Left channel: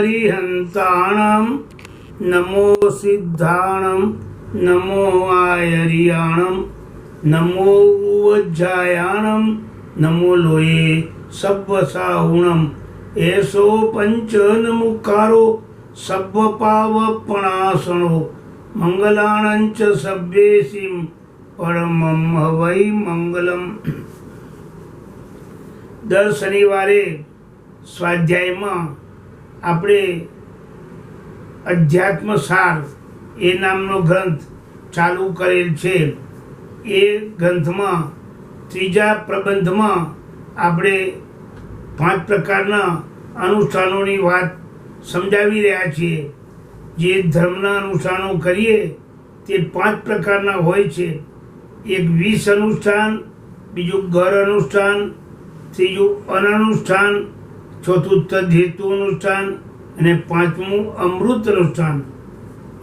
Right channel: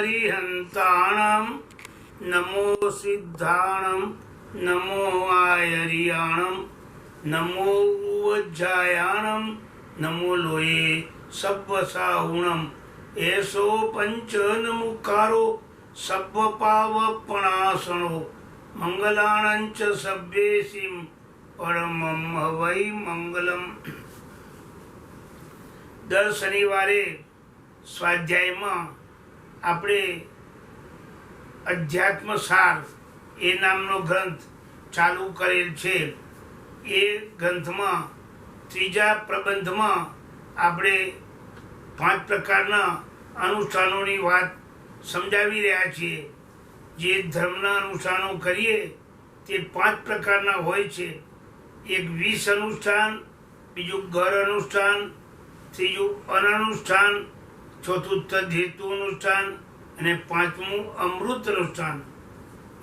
अरिहंताणं नमो सिद्धाणं नमो आयरियाणं नमो उज्जायाणं नमो लोये सब्वसाहुणं एसो पंचनमुकारो सब्वपावपणासनो मंगलाणंच सभ्येसिं परमं हवै मंगलम। दर शनिवारे સ્વાધ્યાયમાં આપણે અધ્યાત્મસાર એ નામનો ગ્રંથ ચાલુ કરેલ છે। એ ગ્રંથમાં ત્રીજા પ્રબંધમાં આપણે 5 પ્રકારના અનુષ્ઠાનોની વાત સમજાવી રહ્યા છીએ। જે ધર્મના અનુષ્ઠાનો કરીએ તે 5 પ્રકારના હોય છે। એક વિષ અનુષ્ઠાન, બીજું ઘર અનુષ્ઠાન, ત્રીજું અનનુષ્ઠાન, ચોથું તદ્હેતુ અનુષ્ઠાન અને પાંચમું અમૃત અનુષ્ઠાન।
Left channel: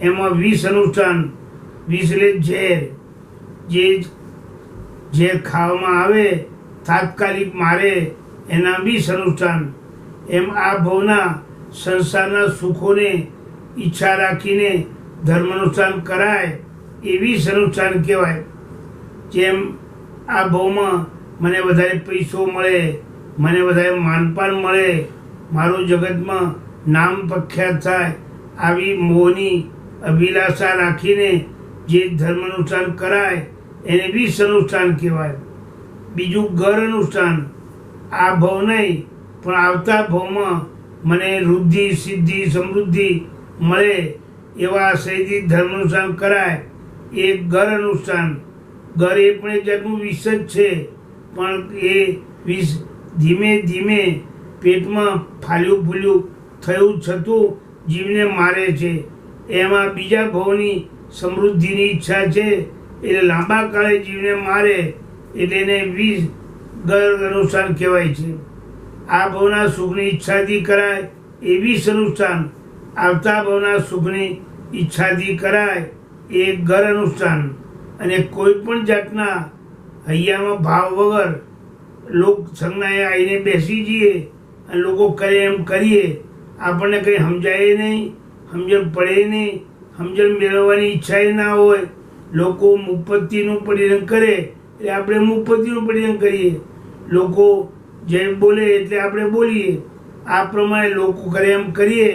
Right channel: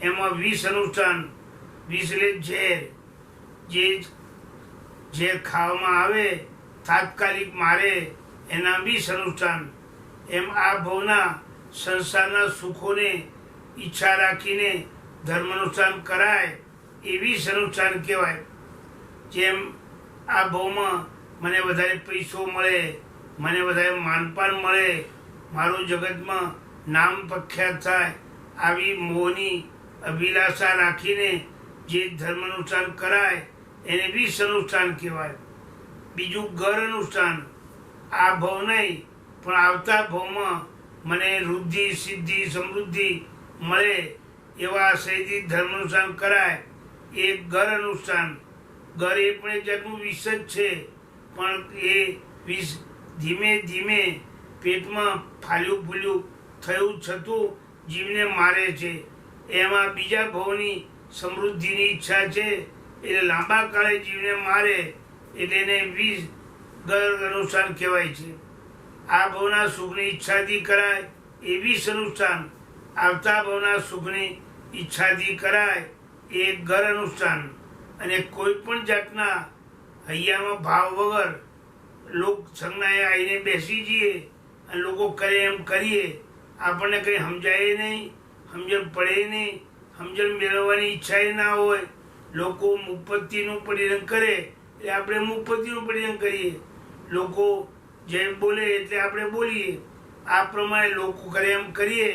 એમાં વિષ અનુષ્ઠાન, વિષ એટલે ઝેર, જે ઝેર ખાવામાં આવે તાત્કાલિક મારે એના વિષ અનુષ્ઠાન। એમ આ ભવના સંસારના સુખોને ઈચ્છા રાખીને ધર્મ અનુષ્ઠાન કરાય એ વિષ અનુષ્ઠાન કહેવાય। જેમ આ ભવમાં મને વધારે પૈસો મળે, મને વધારે માનપાન મળે, મારું જગતમાં નામ પ્રખ્યાત થાય, આવી મોહની અભિલાષા રાખીને જે ધર્મ અનુષ્ઠાન કરાય એને વિષ અનુષ્ઠાન કહેવાય। બીજું ઘર અનુષ્ઠાન, આ ભવ નહીં પણ આવતા ભવમાં મને વૃદ્ધિ સિદ્ધિ સમૃદ્ધિ મળે એવા આશયથી ધર્મ અનુષ્ઠાન કરાય એ ઘર અનુષ્ઠાન। ઘર એ પણ એક જાતનું વિષ જ છે, પણ એ વિષ ધીમે ધીમે પેટમાં ફાલ્યું ફૂલ્યું થયું છતું જીવને મારે છે। એમાં બીજા ભવની સમૃદ્ધિની ઈચ્છા છે એટલે લાંબા કાળે જીવને મારે એટલે એને વિષ ઘર અનુષ્ઠાન કહેવાય છે। આ ભવના સુખની ઈચ્છાથી કરાય એ વિષ અનુષ્ઠાન, આવતા ભવના સુખની ઈચ્છાથી કરાય એ ઘર અનુષ્ઠાન। અને કોઈ પણ જાતના હૈયામાં ભાવ વગર લોક સંજ્ઞાએ આવીને બેસી જઈએ અને લોકો કરે એમ કરીએ, આપણને કંઈ સમજાય નહીં, સમજણ પડે નહીં, સમજણ મેળવવાની ઈચ્છા ના હોય, લોકો મુપત્તિનું પરિણામ કરે એટલે આપણે મુપત્તિનું પરિણામ કરીએ, લોકો જે બોલે એટલે આપણે બોલીએ, આ પ્રમાણે લોકો કરે એમ કરીએ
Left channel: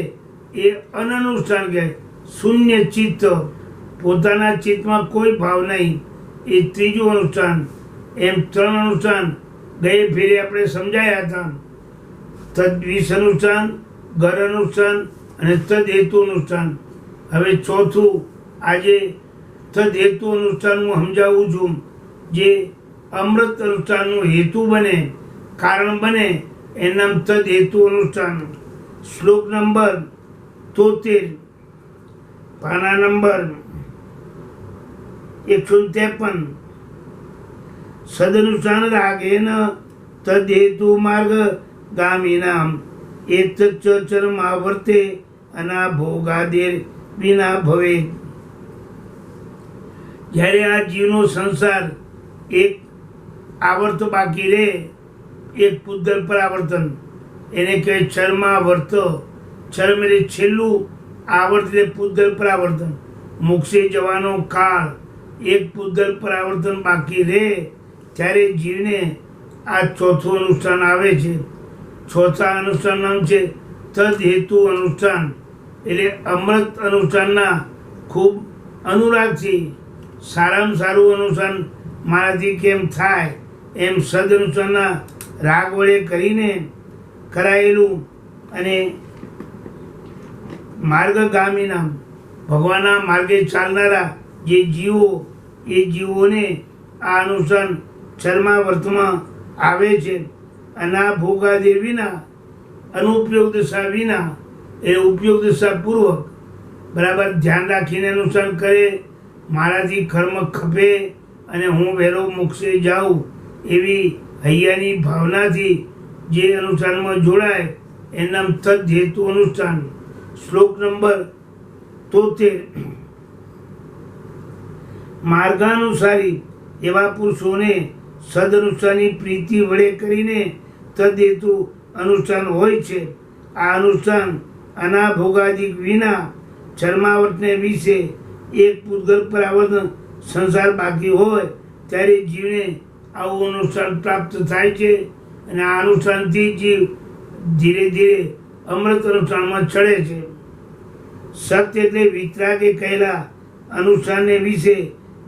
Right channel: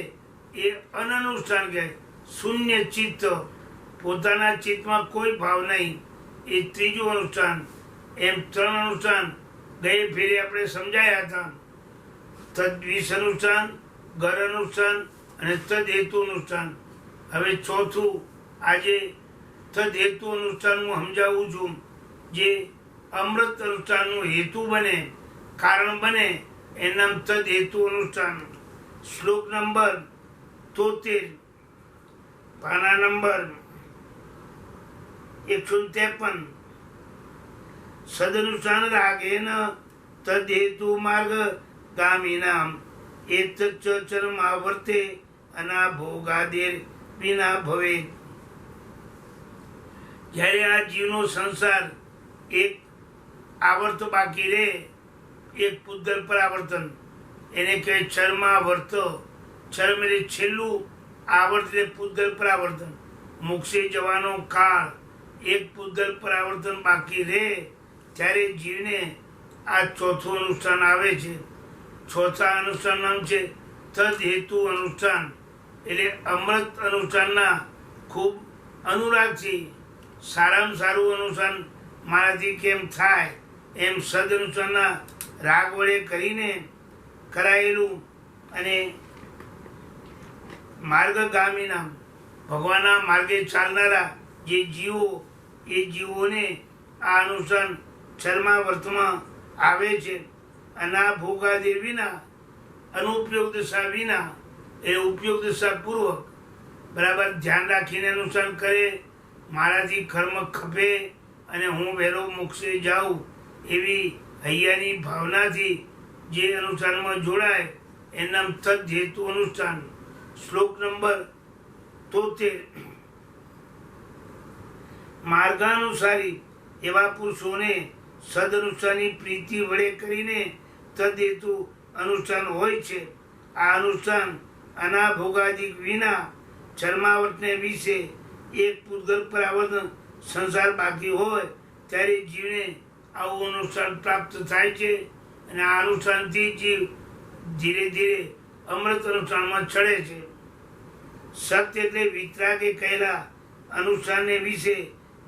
એ અનનુષ્ઠાન કહેવાય। શૂન્ય ચિત્ત, પોતાના ચિત્તમાં કોઈ ભાવ નહીં, એ ત્રીજું અનુષ્ઠાન। એમ 3 અનુષ્ઠાન ગયે ફેરે આપણે સમજાયા હતા। તદ્વિષ અનુષ્ઠાન, ઘર અનુષ્ઠાન અને તદ્હેતુ અનુષ્ઠાન। હવે ચોથું આજે તદ્હેતુ અનુષ્ઠાન હું સમજાવું છું, જે અમૃત અનુષ્ઠાનનો હેતુ બને, કારણ બને, એનું નામ તદ્હેતુ અનુષ્ઠાન। શ્લોક નંબર 73, પાના નંબર 153। સદનુષ્ઠાન રાગેન તદ્હેતુ માર્ગ ગામિનામ એતચ્ચ ચરમાવર્તે અનાભોગાદેર વિના ભવે। જ્યારે આ જીવનો સંસાર એક આવર્ત બાકી રહે, એક પૂતગલ પર આવર્તન, એને કહેવાય ચરમાવર્ત। ચરમ એટલે છેલ્લું, આવર્ત એટલે પૂતગલ પર આવર્તન, મોક્ષે જવાનો કાળ, એક પૂતગલ પર આવર્તન બાકી રહે ત્યારે જીવને આ ચોથું અનુષ્ઠાન આવે છે। ચોથા અનુષ્ઠાન નામ છે તદ્હેતુ અનુષ્ઠાન, એટલે અમૃત અનુષ્ઠાનના ખૂબ અનુરાગથી સારામાં સારું અનુષ્ઠાન મારાથી કેમ થાય એમ સદ અનુષ્ઠાનના રાગ વડે કરીને કરાયેલું અને માર્ગગામીના ભગવાનના માર્ગે ચાલનારા જે જીવો એ જીવોને આ અનુષ્ઠાન ચરમાવર્તમાં આવે છે। અનાભોગાદે વિના, અનુપયોગ દશા વિના, એ ઉપયોગ દશા પૂર્વક બરાબર ધ્યાન રાખીને અનુષ્ઠાન કરે, મારાથી કર્મ ખપે અને હું વહેલો મોક્ષે જાઉં એવી હૈયાની ભાવનાથી જે અનુષ્ઠાનમાં જોડાય એનું નામ તદ્હેતુ અનુષ્ઠાન। શ્લોક નંબર 73। માર્ગાનુસારી એવા પુરુષોને સદઅનુષ્ઠાનની પ્રીતિ વડે કરીને તદ્હેતુ અનુષ્ઠાન હોય છે। આ અનુષ્ઠાન અનાભોગાદિક વિના ચર્માવર્તને વિશે એક પૂતગલ પરાવર્તન સંસાર બાકી હોય ત્યારે જીવને આવું અનુષ્ઠાન પ્રાપ્ત થાય છે અને આ અનુષ્ઠાનથી જીવ ધીરે ધીરે અમૃત અનુષ્ઠાનમાં ચડે છે. સત્ય એટલે વિતરાગે કહેલા અનુષ્ઠાનને વિશે,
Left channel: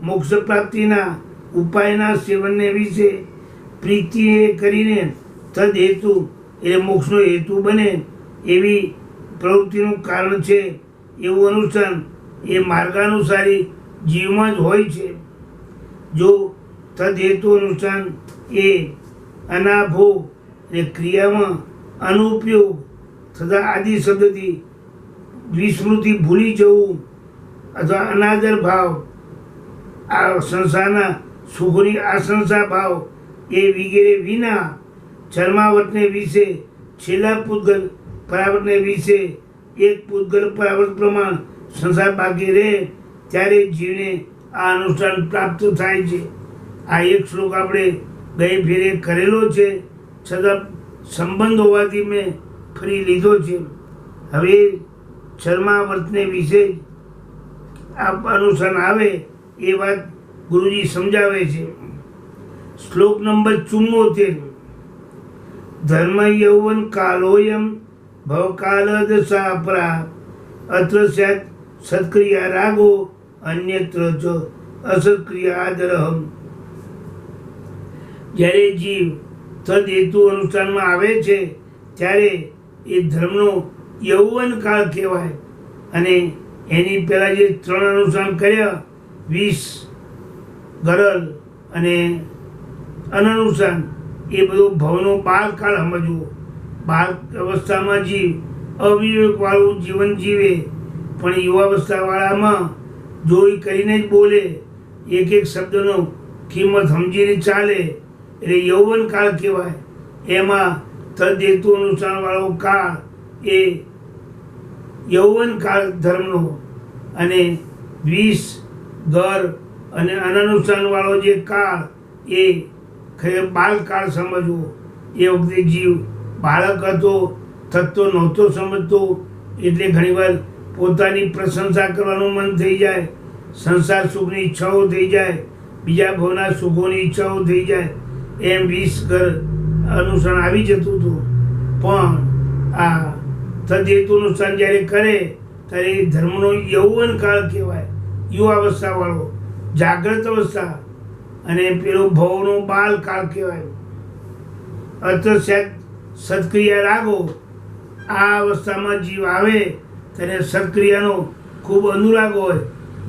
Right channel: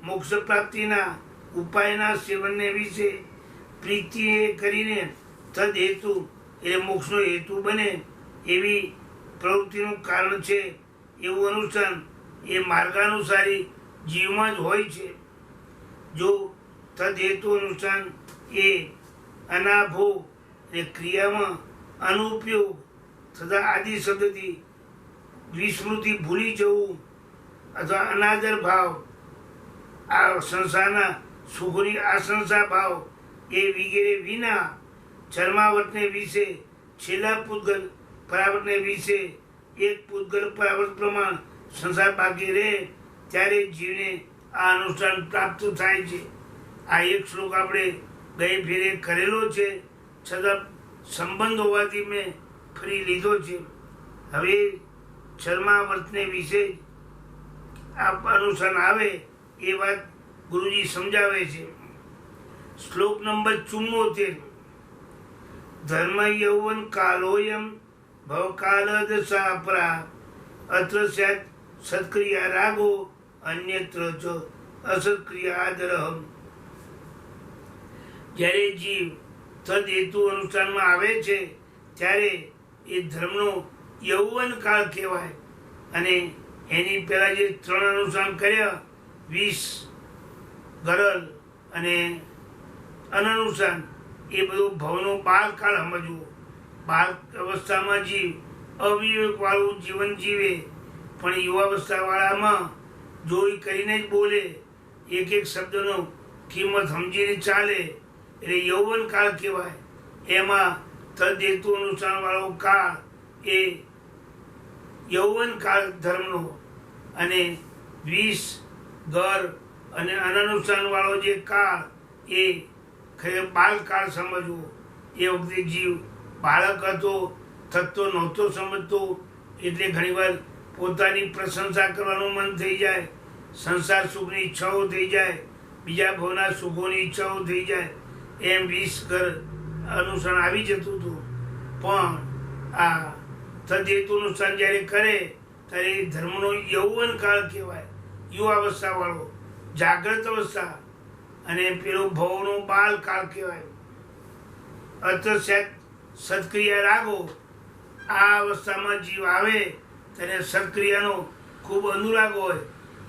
મોક્ષ પ્રાપ્તિના ઉપાયના સેવનને વિશે પ્રીતિએ કરીને તદ હેતુ એટલે મોક્ષનો હેતુ બને એવી પ્રવૃત્તિનું કારણ છે એવું અનુષ્ઠાન એ માર્ગાનુસારી જીવમાં જ હોય છે. જો તદ હેતુ અનુષ્ઠાન એ અનાભોગ એટલે ક્રિયામાં અનુપયોગ તથા આદિ શબ્દથી વિસ્મૃતિ ભૂલી જવું અથવા અનાદર ભાવ, આ સંસારના સુખોની આશંસા ભાવ એ વગેરે વિના ચર્માવર્તને વિશે, છેલ્લા પૂતગલ પરાવર્તને વિશે એક પૂતગલ પરાવર્ત પ્રમાણ સંસાર બાકી રહે ત્યારે જીવને આ અનુષ્ઠાન પ્રાપ્ત થાય છે. આ એક શ્લોક આપણે ગઈ ફેરે કરેલો છે, છતાં સંબંધ હોવાથી મેં ફરી લીધો છે. હવે ચર્માવર્તને વિશે આ અનુષ્ઠાન આવે એ વાત ગુરુજી સમજાવે છે. શ્લોક નંબર 74. ધર્મ યૌવન કાલોયમ ભવકાલ દશાપરા અત્ર સ્યાત સત્ક્રિયા રાગો અન્યત્ર ચ અસત્ક્રિયા આદરહમ. જ્યારે જીવ તદ હેતુ અનુષ્ઠાનમાં આવે છે ત્યારે એ ધર્મનો યૌવન કાળ કહેવાય અને એની પહેલાં જે 3 અનુષ્ઠાન કર્યા, 20 ગરલ અને અનનુષ્ઠાન, એ બધું ભવનો બાળકાળ સમજવો. બાળ અવસ્થામાં જીવ અવિવેકવાળું જીવન જીવે, પણ યુવાવસ્થાવાળામાં જોઈ કરીને જ બોલે, એક એક શબ્દનો કિંમત સમજીને ચાલે, એટલે યૌવન કાળ કહેવાય. એમાં તદ હેતુ અનુષ્ઠાનવાળો કાળ એ યૌવન કાળ ધર્મનો, અને 20 ગર અને અનનુષ્ઠાનવાળો જે કાળ એ ખરેખર બાળકાળ સમજવો. એ વખતે જીવ બાળક હતો, થતો નહોતો સમજતો, એટલે ઘણીવાર પોતાની પ્રશંસા કરવાનું મન થઈ જાય, સંસાર સુખની ઈચ્છાઓ થઈ જાય, બીજા ભવના સુખોની ઈચ્છાઓ થઈ જાય, એમ 20 ઘર અનુષ્ઠાન આવી જતું હતું. પણ આ તદ હેતુ અનુષ્ઠાન જ્યારે કરે ત્યારે એ ધર્મનો યૌવન કાળ કહેવાય, યુવાવસ્થાવાળો, જાગ્રત અવસ્થા, અને પેલો ભવનો બાલ કાળ કહેવાય. અર્થ સત્ક્રિયા રાગો, આ અવસ્થામાં જીવ આવે ત્યારે સત્ક્રિયાનો ખૂબ અનુરાગ હોય.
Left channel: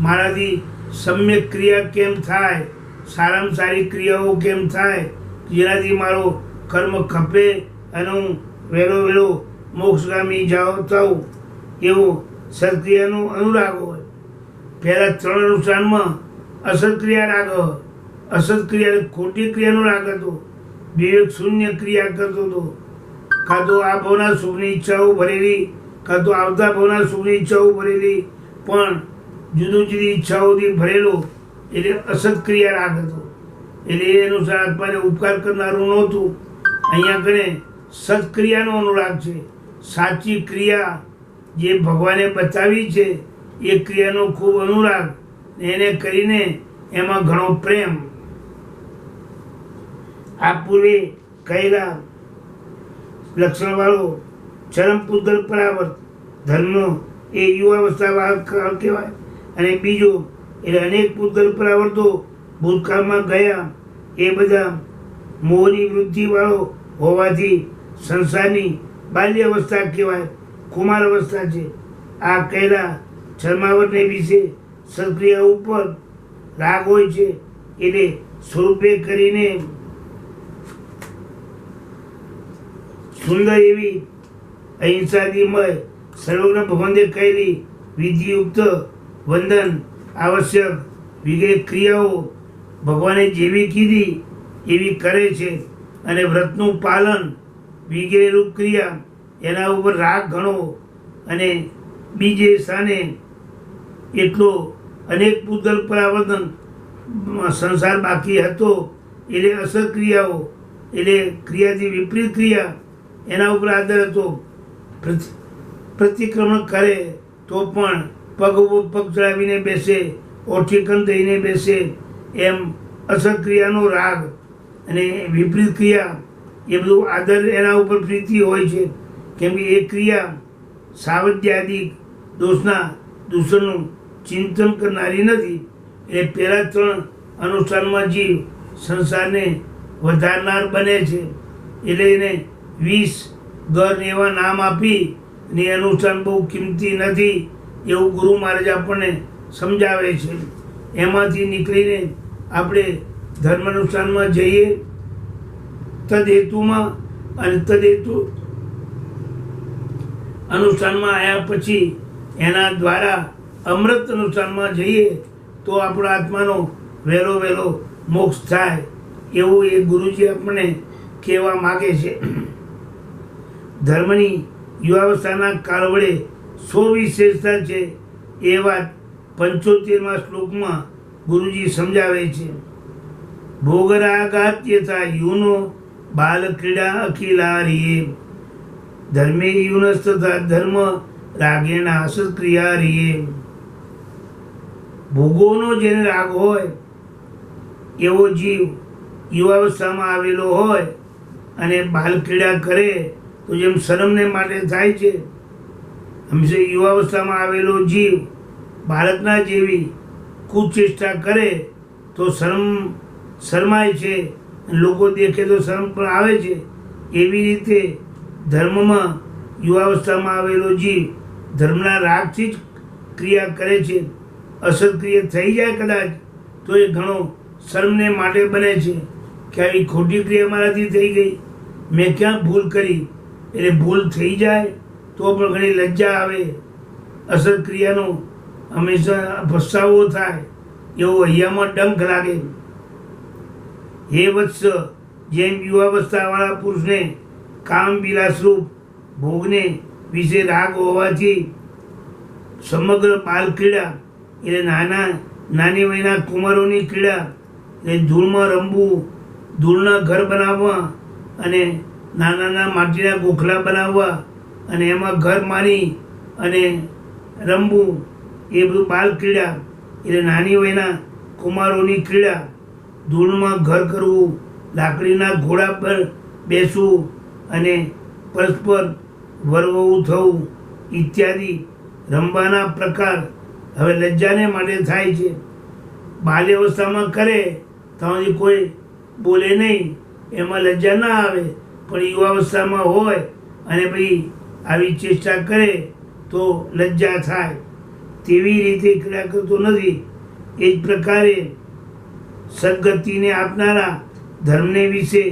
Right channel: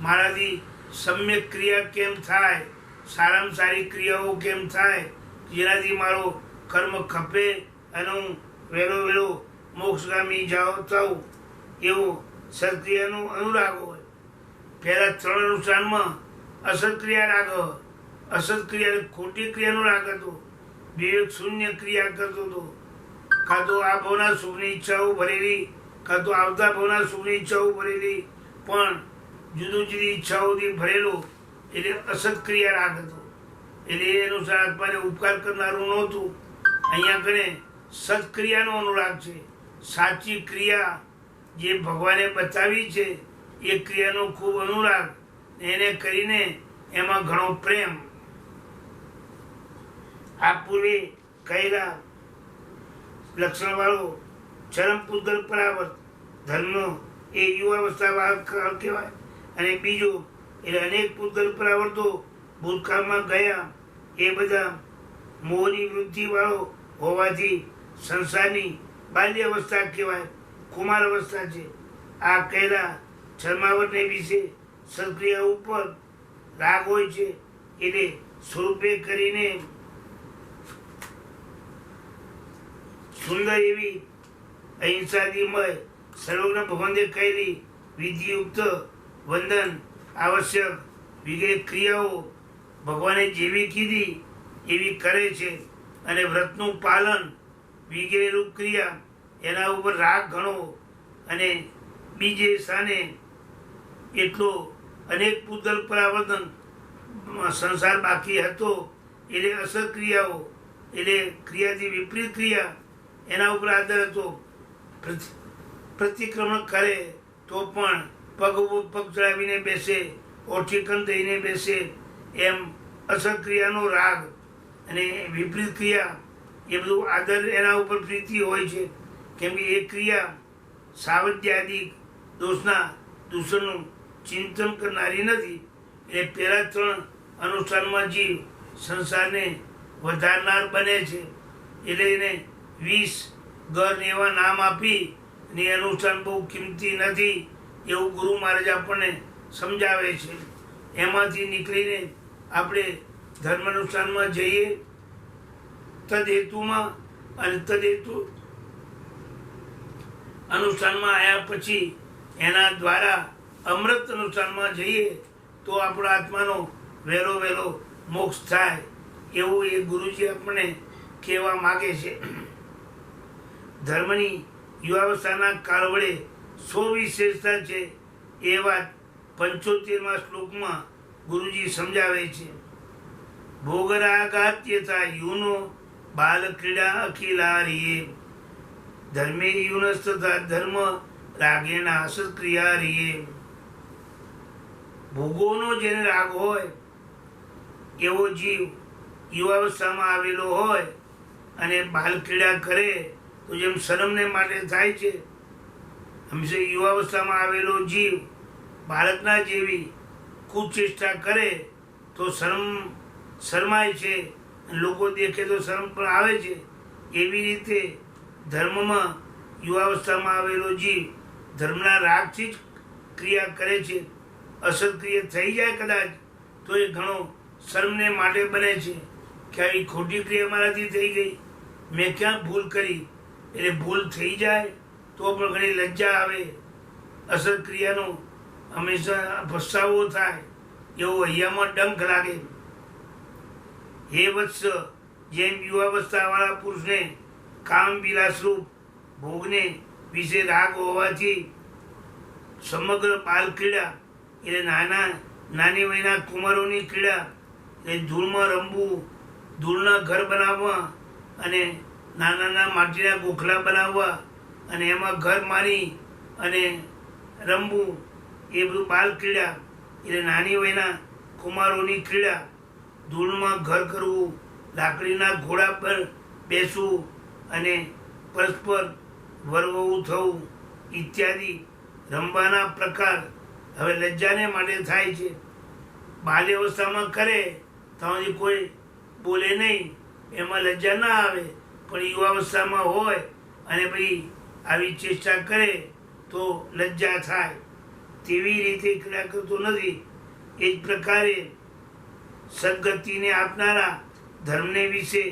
મારાથી સમ્યક ક્રિયા કેમ થાય, સારામાં સારી ક્રિયાઓ કેમ થાય, જેનાથી મારો કર્મ ખપે અને હું વહેલો મોક્ષગામી થાઉં, એવો સત્ક્રિયાનો અનુરાગ હોય. પહેલાં 3 અનુષ્ઠાનમાં અસત્ક્રિયા રાગ, અસત્ક્રિયા ખોટી ક્રિયાનો રાગ હતો, વિવેક શૂન્ય ક્રિયા કરતો હતો. કાં તો આ ભવના સુખની ઈચ્છાઓ ભરેલી, કાં તો આવતા ભવના સુખની ઈચ્છાઓ ભરેલી, પણ જુદી ઈચ્છાઓથી ભરેલો, એટલે અસત્ક્રિયા રાગ હતો. એટલે એ અનુસાર આત્માને ઉપકાર કરનારું નહોતું. અહીંયા કને સત્ક્રિયાનો અનુરાગ છે. સાચી ક્રિયા જે ભગવાને બતાવી છે એ ક્રિયાનો ખૂબ અનુરાગ, એને કરીને એમાં ઘણો પ્રેમ. આ પૂર્વે કહેલા લક્ષણવાળો ચરમ પૂતગલ પરાવર્ત ધર્મનો એ યુવાવસ્થા કાળ કહેવાય. અને બીજો એટલે અનેક પૂતગલ પરાવર્તો ભૂતકાળમાં ગયા, એ બધા મોહની વૃદ્ધિવાળો હોવાથી સંસારની બાલ્ય અવસ્થા કહેવાય, કુમાર અવસ્થા છે. આ કહેલા ચર્માવર્તને વિશે સત્ક્રિયા ઉપર રાગ હોય છે, એટલે સ્વરૂપે કરીને સુંદર એવી અહિંસાદિમય સર્વજ્ઞ ભગવાને કહેલી વિધિયુક્ત વંદન આવશ્યક વગેરે ક્રિયાઓ ભગવાને જેવી કીધી એવી કરે છે, અને વ્રતનું પાલન વગેરે રૂપ ક્રિયા એના ઉપર રાગ ઘણો, અને બીજે સ્થાને એટલો અનેક પૂતગલ પરાવર્તન સંસાર બાકી હતો, એટલે અસર ક્રિયાઓ એટલે ક્રિયાથી વિપરીત ક્રિયા એના ઉપર આદર હતો. પ્રતિક્રમણ કરે તો પણ પગ ઉપર પગ ચડાવીને બેસે, ઓઠી કંદ દઈને બેસે, એમ અસર ક્રિયાનો રાગ અને વિપરીત ક્રિયા એ બધું આદર એના ઉપર પ્રીતિ હોય છે. કેમ કે એ ક્રિયા સાવધ્યાદિક દૂષણનું ચિંતન કરનારી નથી. એટલે પહેલા 3 અનુષ્ઠાનમાં જીવ સંસારને વધારનાર બને છે. એટલે એને 20 ગર એવા નામ આપી ને એ અનુષ્ઠાન બહુ કિંમતી નથી એવું ગુરુ મહારાજ આપણને સમજાવે છે. એમાંથી નીકળીને આપણે ધર્મ અનુષ્ઠાનમાં જઈએ તદ હેતુમાં, અને તદ હેતુ અનુષ્ઠાનમાં આવ્યા પછી એના દ્વારા અમૃત અનુષ્ઠાનમાં જઈએ તો આપણા આત્માનો વહેલો મોક્ષ થાય એવું એ ગુરુજી આપણને કહેવા માગે છે. ધર્મની યુવાવસ્થાના કાળ વડે 100 વિશેષતા છે એ વાત 75મા શ્લોકમાં ગુરુજી સમજાવે છે. ભોગરાગાત યથા યુનો બાલ ક્રીડા અખિલારીએ ધર્મે યુનસ તથા ધર્મ રાગેણ આસક્રિયારીએ. ભોગોનો જેને રાગ હોય એવો જીવ યુવાવસ્થામાં આવેલો હોય અને બાલ ક્રીડા કરે તો જેમ શરમને માટે થાય છે, હંમેશા યુવાવસ્થામાં આવેલો જીવ બાળકના જેવી કુચેષ્ટા કરે તો શરમાય છે, લોકો દેખે તો શરમ પણ આવે છે. એવી રીતે ધર્મમાં યુવાવસ્થામાં આવેલો જીવ ધર્મના રાગથી જ ક્રિયા કરે છે. અસત્ક્રિય થઈ જાય કદાચ તો એ ઘણો શરમને માટે બને છે કે આવી ખોટી ક્રિયા મારાથી થઈ ગઈ, મેં ક્યાં ભૂલ કરી. એટલે ભૂલ થઈ જાય તો પણ ઘણી લજ્જા આવે, અસત્ક્રિયાનો હંમેશા પસ્તાવો થાય, એવો હૈયામાં ડંખ લાગે. હે વત્સ, જેમ યુવાવસ્થાવાળા પુરુષને કામ વિલાસરૂપ ભોગને વિશે રાગ હોવાથી સમગ્ર બાલ ક્રીડા એટલે નાની વયના કુમારોની ક્રીડા એટલે ધૂળમાં રમવું, ધૂળના ઘર બનાવવા અને નાના માટીના ગોખલા બનાવવા અને એમાં ઘર મારી અને રમવું, એ બધું બાલ ક્રીડા એટલે નાની વયના કુમારોની ક્રીડા. ધૂળમાં ઘર કરવું, લાકડીના ઘોડા પર બેસવું અને પરસ્પર વરવવું થવું ઇત્યાદિ રમવાના પ્રકાર હવે લજ્જાને માટે થાય છે. બાલ્યાવસ્થામાં કરે તો કોઈ બોલે નહીં, એમાં લજ્જા ના આવે. પણ યુવાવસ્થામાં હોય અને પછી આવી ચેષ્ટા કરે તો લજ્જા થાય. તેવી રીતે ક્રિયા કરતો નથી. એ જ પ્રકારે સદગતિને આપનારા ધર્મને વિશે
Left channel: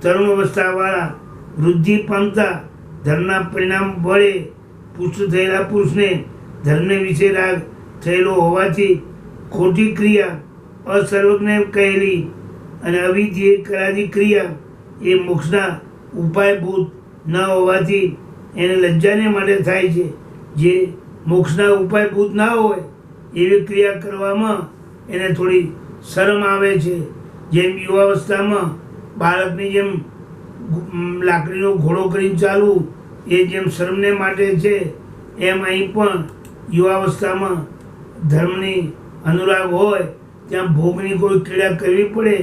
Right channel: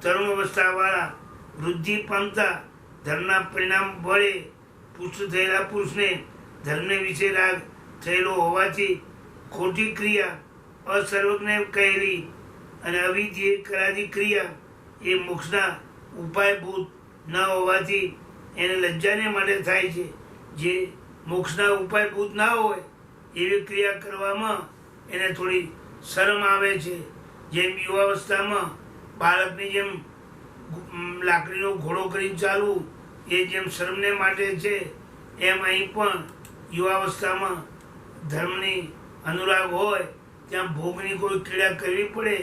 તરુણ અવસ્થાવાળા વૃદ્ધિ પામતા ધર્મના પરિણામ વડે પુષ્ટ થયેલા પુરુષને ધર્મને વિશે રાગ થયેલો હોવાથી ખોટી ક્રિયા અસર્વજ્ઞ કહેલી અને અવિધિએ કરાતી ક્રિયા એ મોક્ષના ઉપાયભૂત ન હોવાથી એને લજ્જાને માટે થાય છે. જે મોક્ષના ઉપાયભૂત ના હોય એવી ક્રિયા કરવામાં એને થોડી શરમ આવે છે. જેમ યુવાવસ્થામાં બાળકની જેમ લાકડીનો ઘોડો કરીને ચાલવું એ જેમ શરમને માટે છે, એમ અહીં પણ યુવાવસ્થામાં ધર્મની અનુરાગ હોય ત્યાં ભોગની કોઈ ક્રિયા કરવી પડે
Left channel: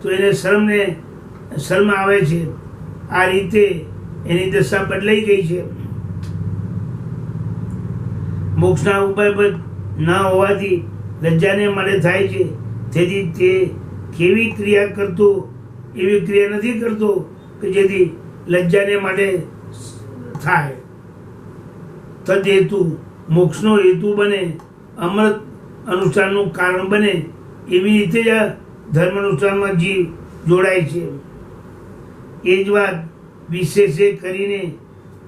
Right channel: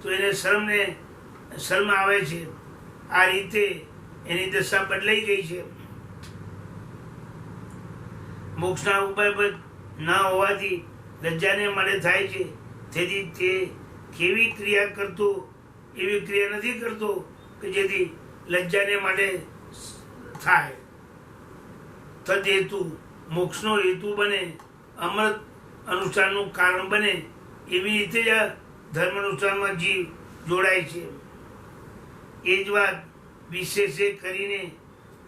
તો એને શરમ આવે છે. આ રીતે એની દશા બદલાઈ ગઈ છે. મોક્ષના ઉપાય પર ન હોવાથી લજ્જાને માટે થાય છે. તેથી તે કેવી ક્રિયા કરતો એવી ક્રિયા નથી કરતો કે જેથી લજ્જાને માટે થાય. તદ હેતુ મોક્ષનો હેતુ બને, અમૃત અનુષ્ઠાનનું કારણ બને, એવી રીતે જ આ ધર્મ અનુષ્ઠાનમાં જીવ જોડાય છે. એ જ વાત વિશેષે કરીને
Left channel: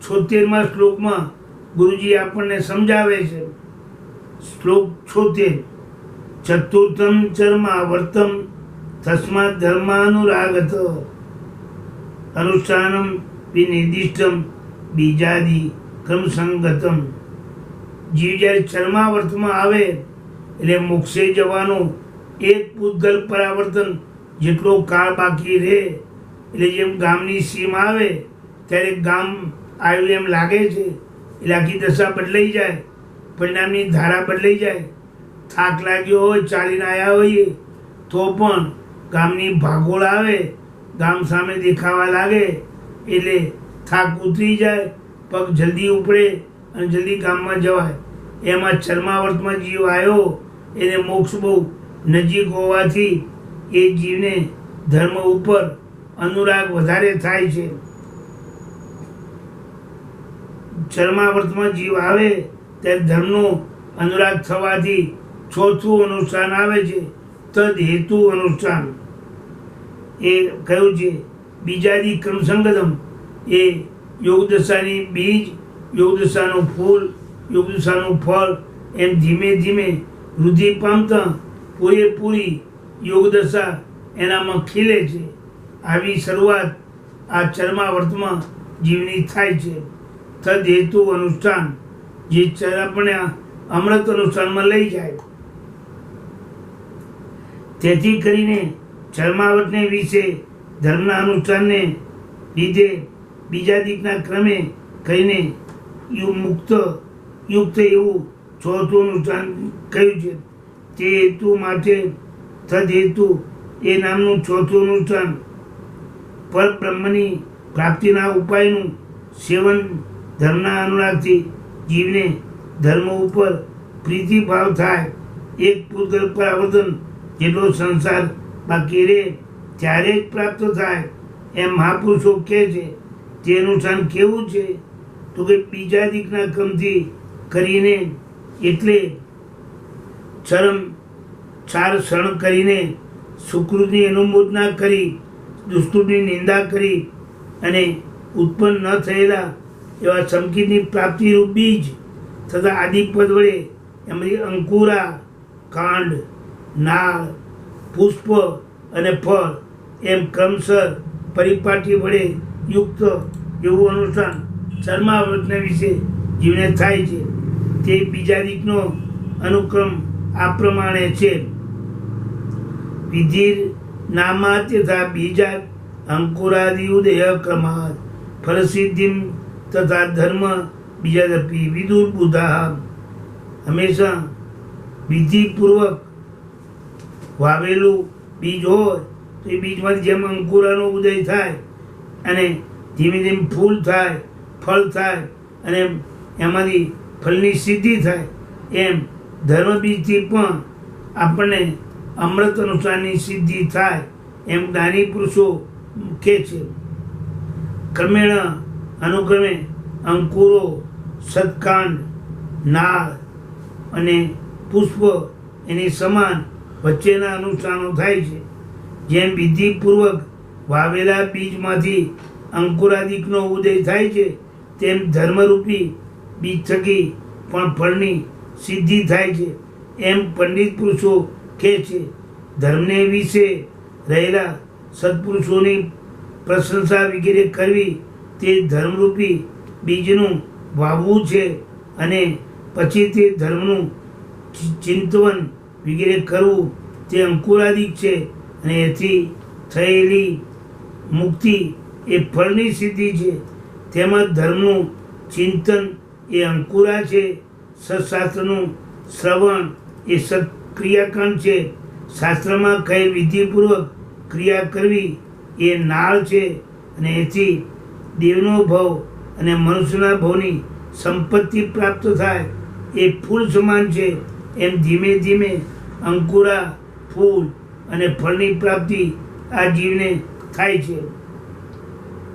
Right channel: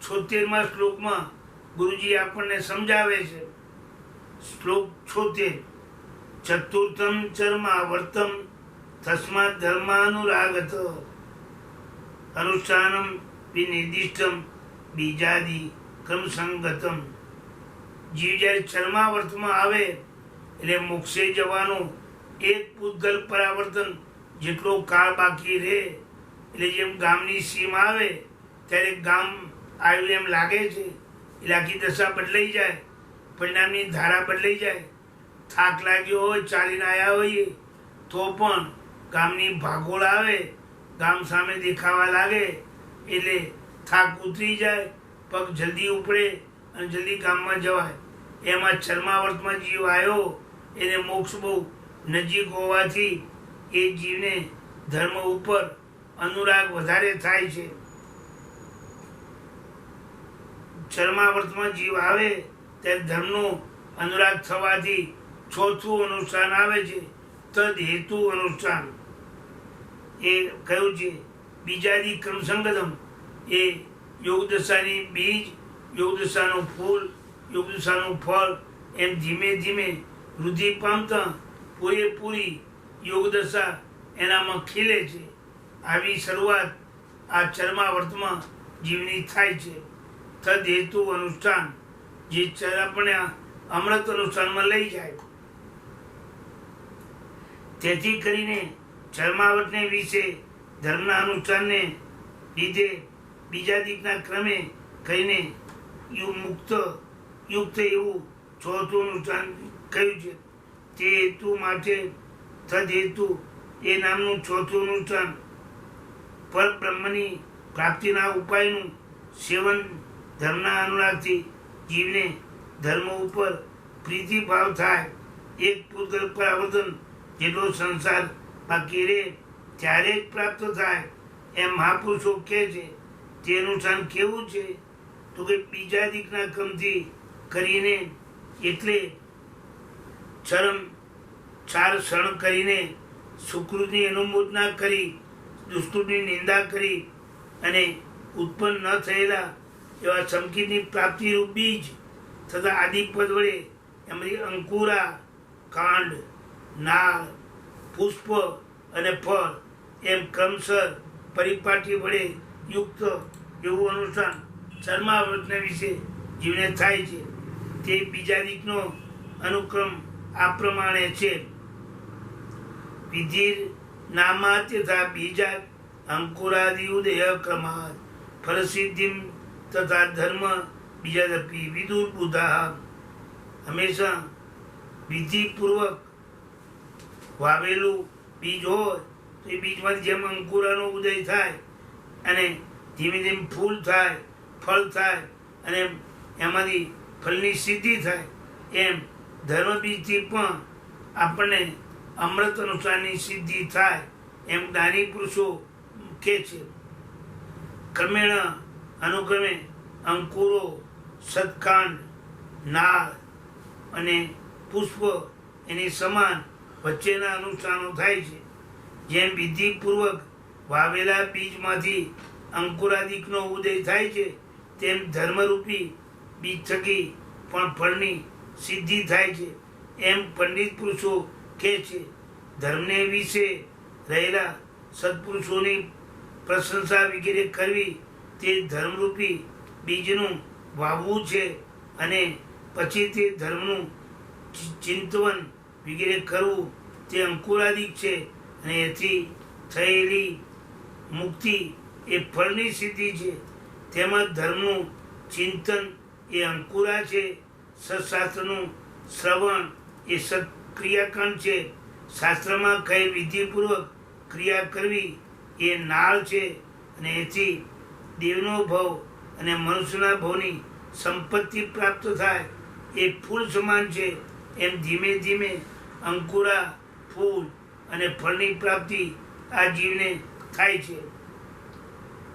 76મા શ્લોકમાં ગુરુજી આપણને સમજાવે છે. શ્લોક 76 ચતુર્થમ ચર્માવર્તમ તસ્માત ધર્માનુરાગત અનુષ્ઠાનમ વિનિર્દિષ્ટમ બીજાદિ ક્રમસંગતમ. જીવ જ્યારે ચર્માવર્તમાં આવે એટલે મોક્ષે જવાનો એક પૂતગલ પરાવર્તન જેટલો કાળ બાકી રહે, એટલે જેમ ગામની સીમ આવે ત્યારે ગામ આવ્યું એમ લાગે છે, એટલે આખી દશા બદલાઈ જાય, પરિણામની ધારા બદલાઈ જાય. થાક લાગ્યો હોય, ચાલીને આવ્યા હોઈએ તો પણ ગામની ભાગોળ આવે, ગામ સામે દેખાવા લાગે એટલે થાક ઉતરી જાય, પગ જલ્દી ઉપડે અને જલ્દી ગામમાં જવાય. એમાં ચર્માવર્તમાં જીવ આવ્યો એને મોક્ષ બહુ નજીક હોવાથી એ જીવને ધર્મ ઉપર અનુરાગ વધારે થાય છે. ચર્માવર્તમાં જીવ આવે ત્યારે ધર્મનો અનુરાગ થવાથી ચોથું અનુષ્ઠાન આવે છે, તદ હેતુ અનુષ્ઠાન. એ કહ્યું છે બીજાદી ક્રમસંગતમ. એ યોગદશાની બીજ, યોગદશાનું ફૂલ, યોગદશાનું ફળ એમ ધીમે ધીમે વૃદ્ધિ પામતા પૂરેપૂરી યોગદશા એનામાં ખીલે છે. આવી શરૂઆત આ ચર્માવર્તમાં જીવની થાય છે. તદ હેતુ અનુષ્ઠાન, જે આપણને અમૃત અનુષ્ઠાનમાં લઈ જાય. તેથી કરીને ચર્માવર્તને વિશે ધર્મના અનુષ્ઠાનને લીધે બીજા દીકના ક્રમે કહીને યુક્ત એવું ચોથું અનુષ્ઠાન કહ્યું છે. તે હેતુ માટે તદ હેતુ એ નામનું ચોથું અનુષ્ઠાન પરબ્રહ્મની પ્રાપ્તિના ઉપાયનું સેવન ધર્મના અનુરાગથી જીવને ધર્મ ઉપર પ્રીતિભાવ થાય. એક પૂતગલ પર આવર્તન જેટલો સંસાર બાકી રહે ત્યારે જ પ્રાપ્ત થાય એમ મહાપુરુષો કહે છે. તે અનુષ્ઠાન કેવું છે તો કે બીજા દીકના ક્રમથી કરીને, એટલે ચાર ક્ષણ કરીને સુકૃતની અનુમોદના કરી, દુષ્કૃતની નિંદા કરી અને ઉત્પન્ન ન થયેલા એવા સંકિતની પ્રાપ્તિરૂપ બીજ તથા આદિપદ વડે એમાંથી અંકુરા, કાંડ, નાળ, પુષ્પ અને ફળ એમ ક્રમશર પરિપાટી વડે યુક્ત એવું અનુષ્ઠાન ચર્માવર્તને વિશે જીવને થાય છે. તે બીજા દીકનો અનુક્રમ આ પ્રમાણે છે. વિધિર નામાત તથા બીજાત અંકુરાદિ ઉદય ક્રમાત ફલસિદ્ધિમ તથા ધર્મ બીજાદપી વિદુર બુધા. હંમેશા વિધિપૂર્વક વાવેલું બીજ હોય તો એ બીજમાંથી જેમ અંકુરાનો ઉદય થાય અને ધીમે ધીમે ફૂલ થાય, ફળ થાય અને એમાંથી ફળની સિદ્ધિ થાય, એમ ધર્મ બીજથી પણ આપણને અમૃત અનુષ્ઠાનની સિદ્ધિ થાય એમ જ્ઞાની પુરુષો કહે છે. ક્રમેણ અનુક્રમે અંકુરો, સત્કાંડ, નાળ અને પુષ્પ એની સમાન વચ્ચેના અનુષ્ઠાનો થાય છે. જેમ વિધિપૂર્વક વાવેલા બીજમાંથી અંકુરાદિકનો ઉદય થાય છે તેમ ધર્મરૂપી બીજ થકી પણ ફળની સિદ્ધિ થાય છે એમ પંડિત પુરુષો કહે છે. ધર્મને વિશે રહેલા સત્પુરુષોની પ્રશંસા વગેરે કરવી તે ધર્મરૂપી બીજનું વાવવું છે અને પછી તે ધર્મનું ચિંતવન વગેરે કરવું તે અંકુરાદિક છે અને એથી થયેલી મુક્તિ એ ફળની સિદ્ધિ છે. તેમજ ધર્મનું ચિંતન એ અંકુરા છે. સત્શાસ્ત્રનું શ્રવણ એ સત્ક્રિયાકાંડ છે. શાસ્ત્રમાં કઈ વિધિપૂર્વક ક્રિયા કરવી એ નાળ છે અને એથી દેવનો ભવ અને મનુષ્યના ભવની સંપત્તિ પ્રાપ્ત થાય એ ફૂલ સમાન છે. એમ ધીમે ધીમે અંકુરા, ફૂલ અને ફળની પ્રાપ્તિ આ જીવને થાય છે.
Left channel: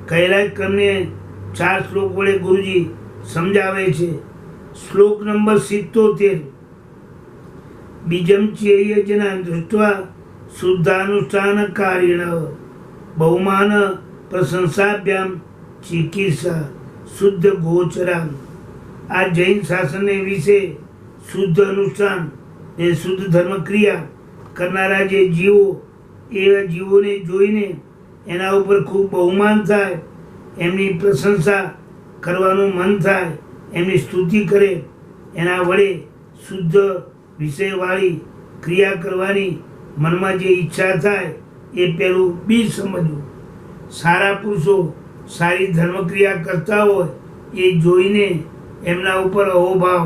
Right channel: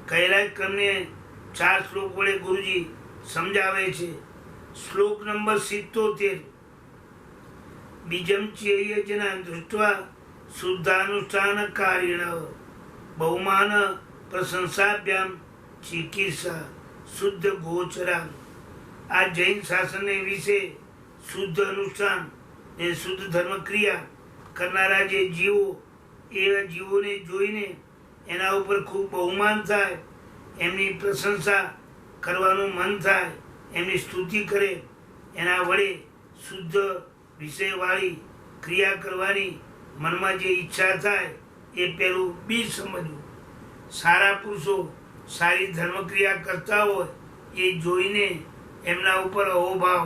કહેલા ક્રમને 4 શ્લોક વડે ગુરુજી સમજાવે છે. શ્લોક નંબર 77. બીજમ ચેયજના દૃષ્ટવા શુદ્ધાનુષ્ઠાનકારીણ બહુમાન પ્રશંસાભ્યામ ચિકિત્સા શુદ્ધ ગોચરા. આ જૈન શાસનને વિશે શુદ્ધ અનુષ્ઠાન એ શુદ્ધ ધર્મક્રિયા કરનારા જે જીવો એવા જીવોને જોઈને એના ઉપર ખૂબ બહુમાન થાય, એમની પ્રશંસા કરવાનું મન થાય, એમની સ્તુતિ કરે, એના વડે શુદ્ધ વિષયવાળી ક્રિયા કરવાની મનમાં જે ઈચ્છા થાય એ પહેલું બીજ સમજવું. સારા પુરુષો સારી ધર્મક્રિયા કરતા હોય એ જોઈને એમના ઉપર અહોભાવ,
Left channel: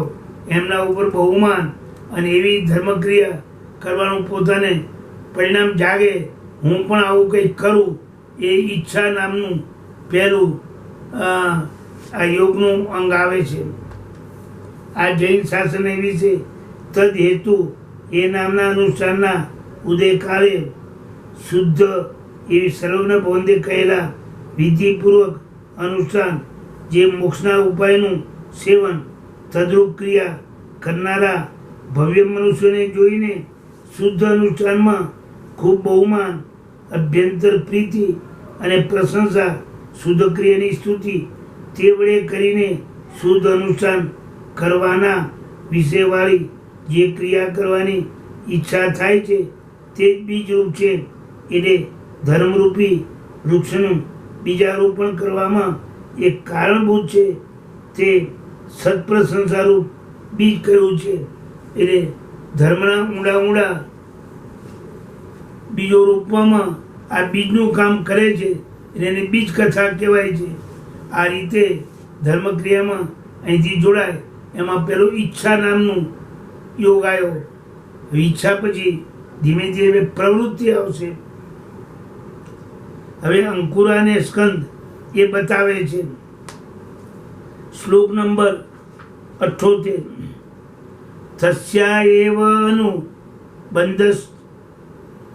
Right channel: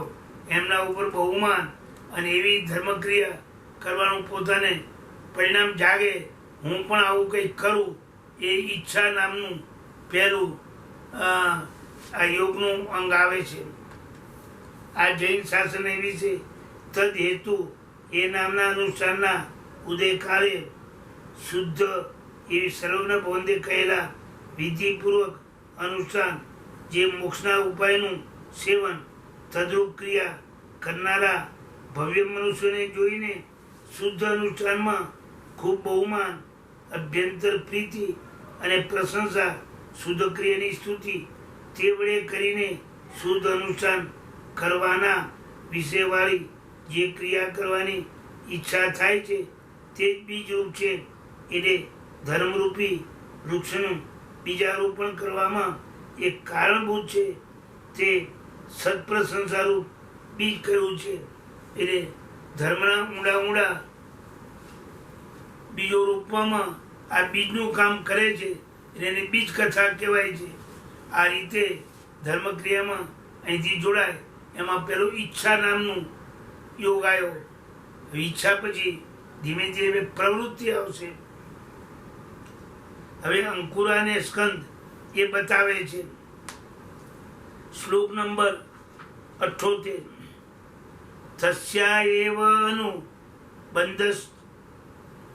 એમના ઉપર બહુમાન અને એવી ધર્મક્રિયા કરવાનું પોતાને પરિણામ જાગે, હું પણ આવું કંઈક કરું, એ ઈચ્છા નામનું પહેલું આ યોગનું અંગ આવે છે. આ જૈન શાસન એવી છે. તદ હેતુ એ નામના અનુષ્ઠાનના ઉદયકાળે શુદ્ધ એવી સર્વજ્ઞ ભવંતે કહેલા વિધિપૂર્વક અનુષ્ઠાન, જે મોક્ષના ઉપાયનું સેવન તદ્રૂપ ક્રિયા કરનારા ભવ્ય મનુષ્યોને જોઈને શુદ્ધ અનુષ્ઠાનમાં ખૂબ બહુમાન, અભ્યંતર પ્રીતિ અને પ્રશંસા, શુદ્ધ ક્રિયાની સ્તુતિ તે વડે કરીને શુદ્ધ અનુષ્ઠાન કરવાના વિષયવાળી જે ક્રિયા કરવાની ઈચ્છા થાય છે તે જ બીજરૂપ છે. એટલે ધર્મરૂપી વૃક્ષનું બીજારોપણ કરવામાં એક કારણભૂત છે, તે સત્પ્રશંસારૂપ બીજ કર્યું છે. એટલે ધર્મના ઊંડા ઊંડા બીજો રોપવામાં આ બીજનું કામ કરે છે, એને બીજ કથા કહેવાય છે. આ રીતે ધર્મક્રિયામાં અહીંથી જોડાય. એમાં પેલો ઈચ્છા નામનું યોગ આવ્યો. ઈચ્છા પછી ધીમે ધીમે પ્રવૃત્તિ આવશે. હવે અંકુર અને સ્કંદ એ બતાવે છે. શ્લોક નંબર 78. તસ્યા એવ અનુબંધસ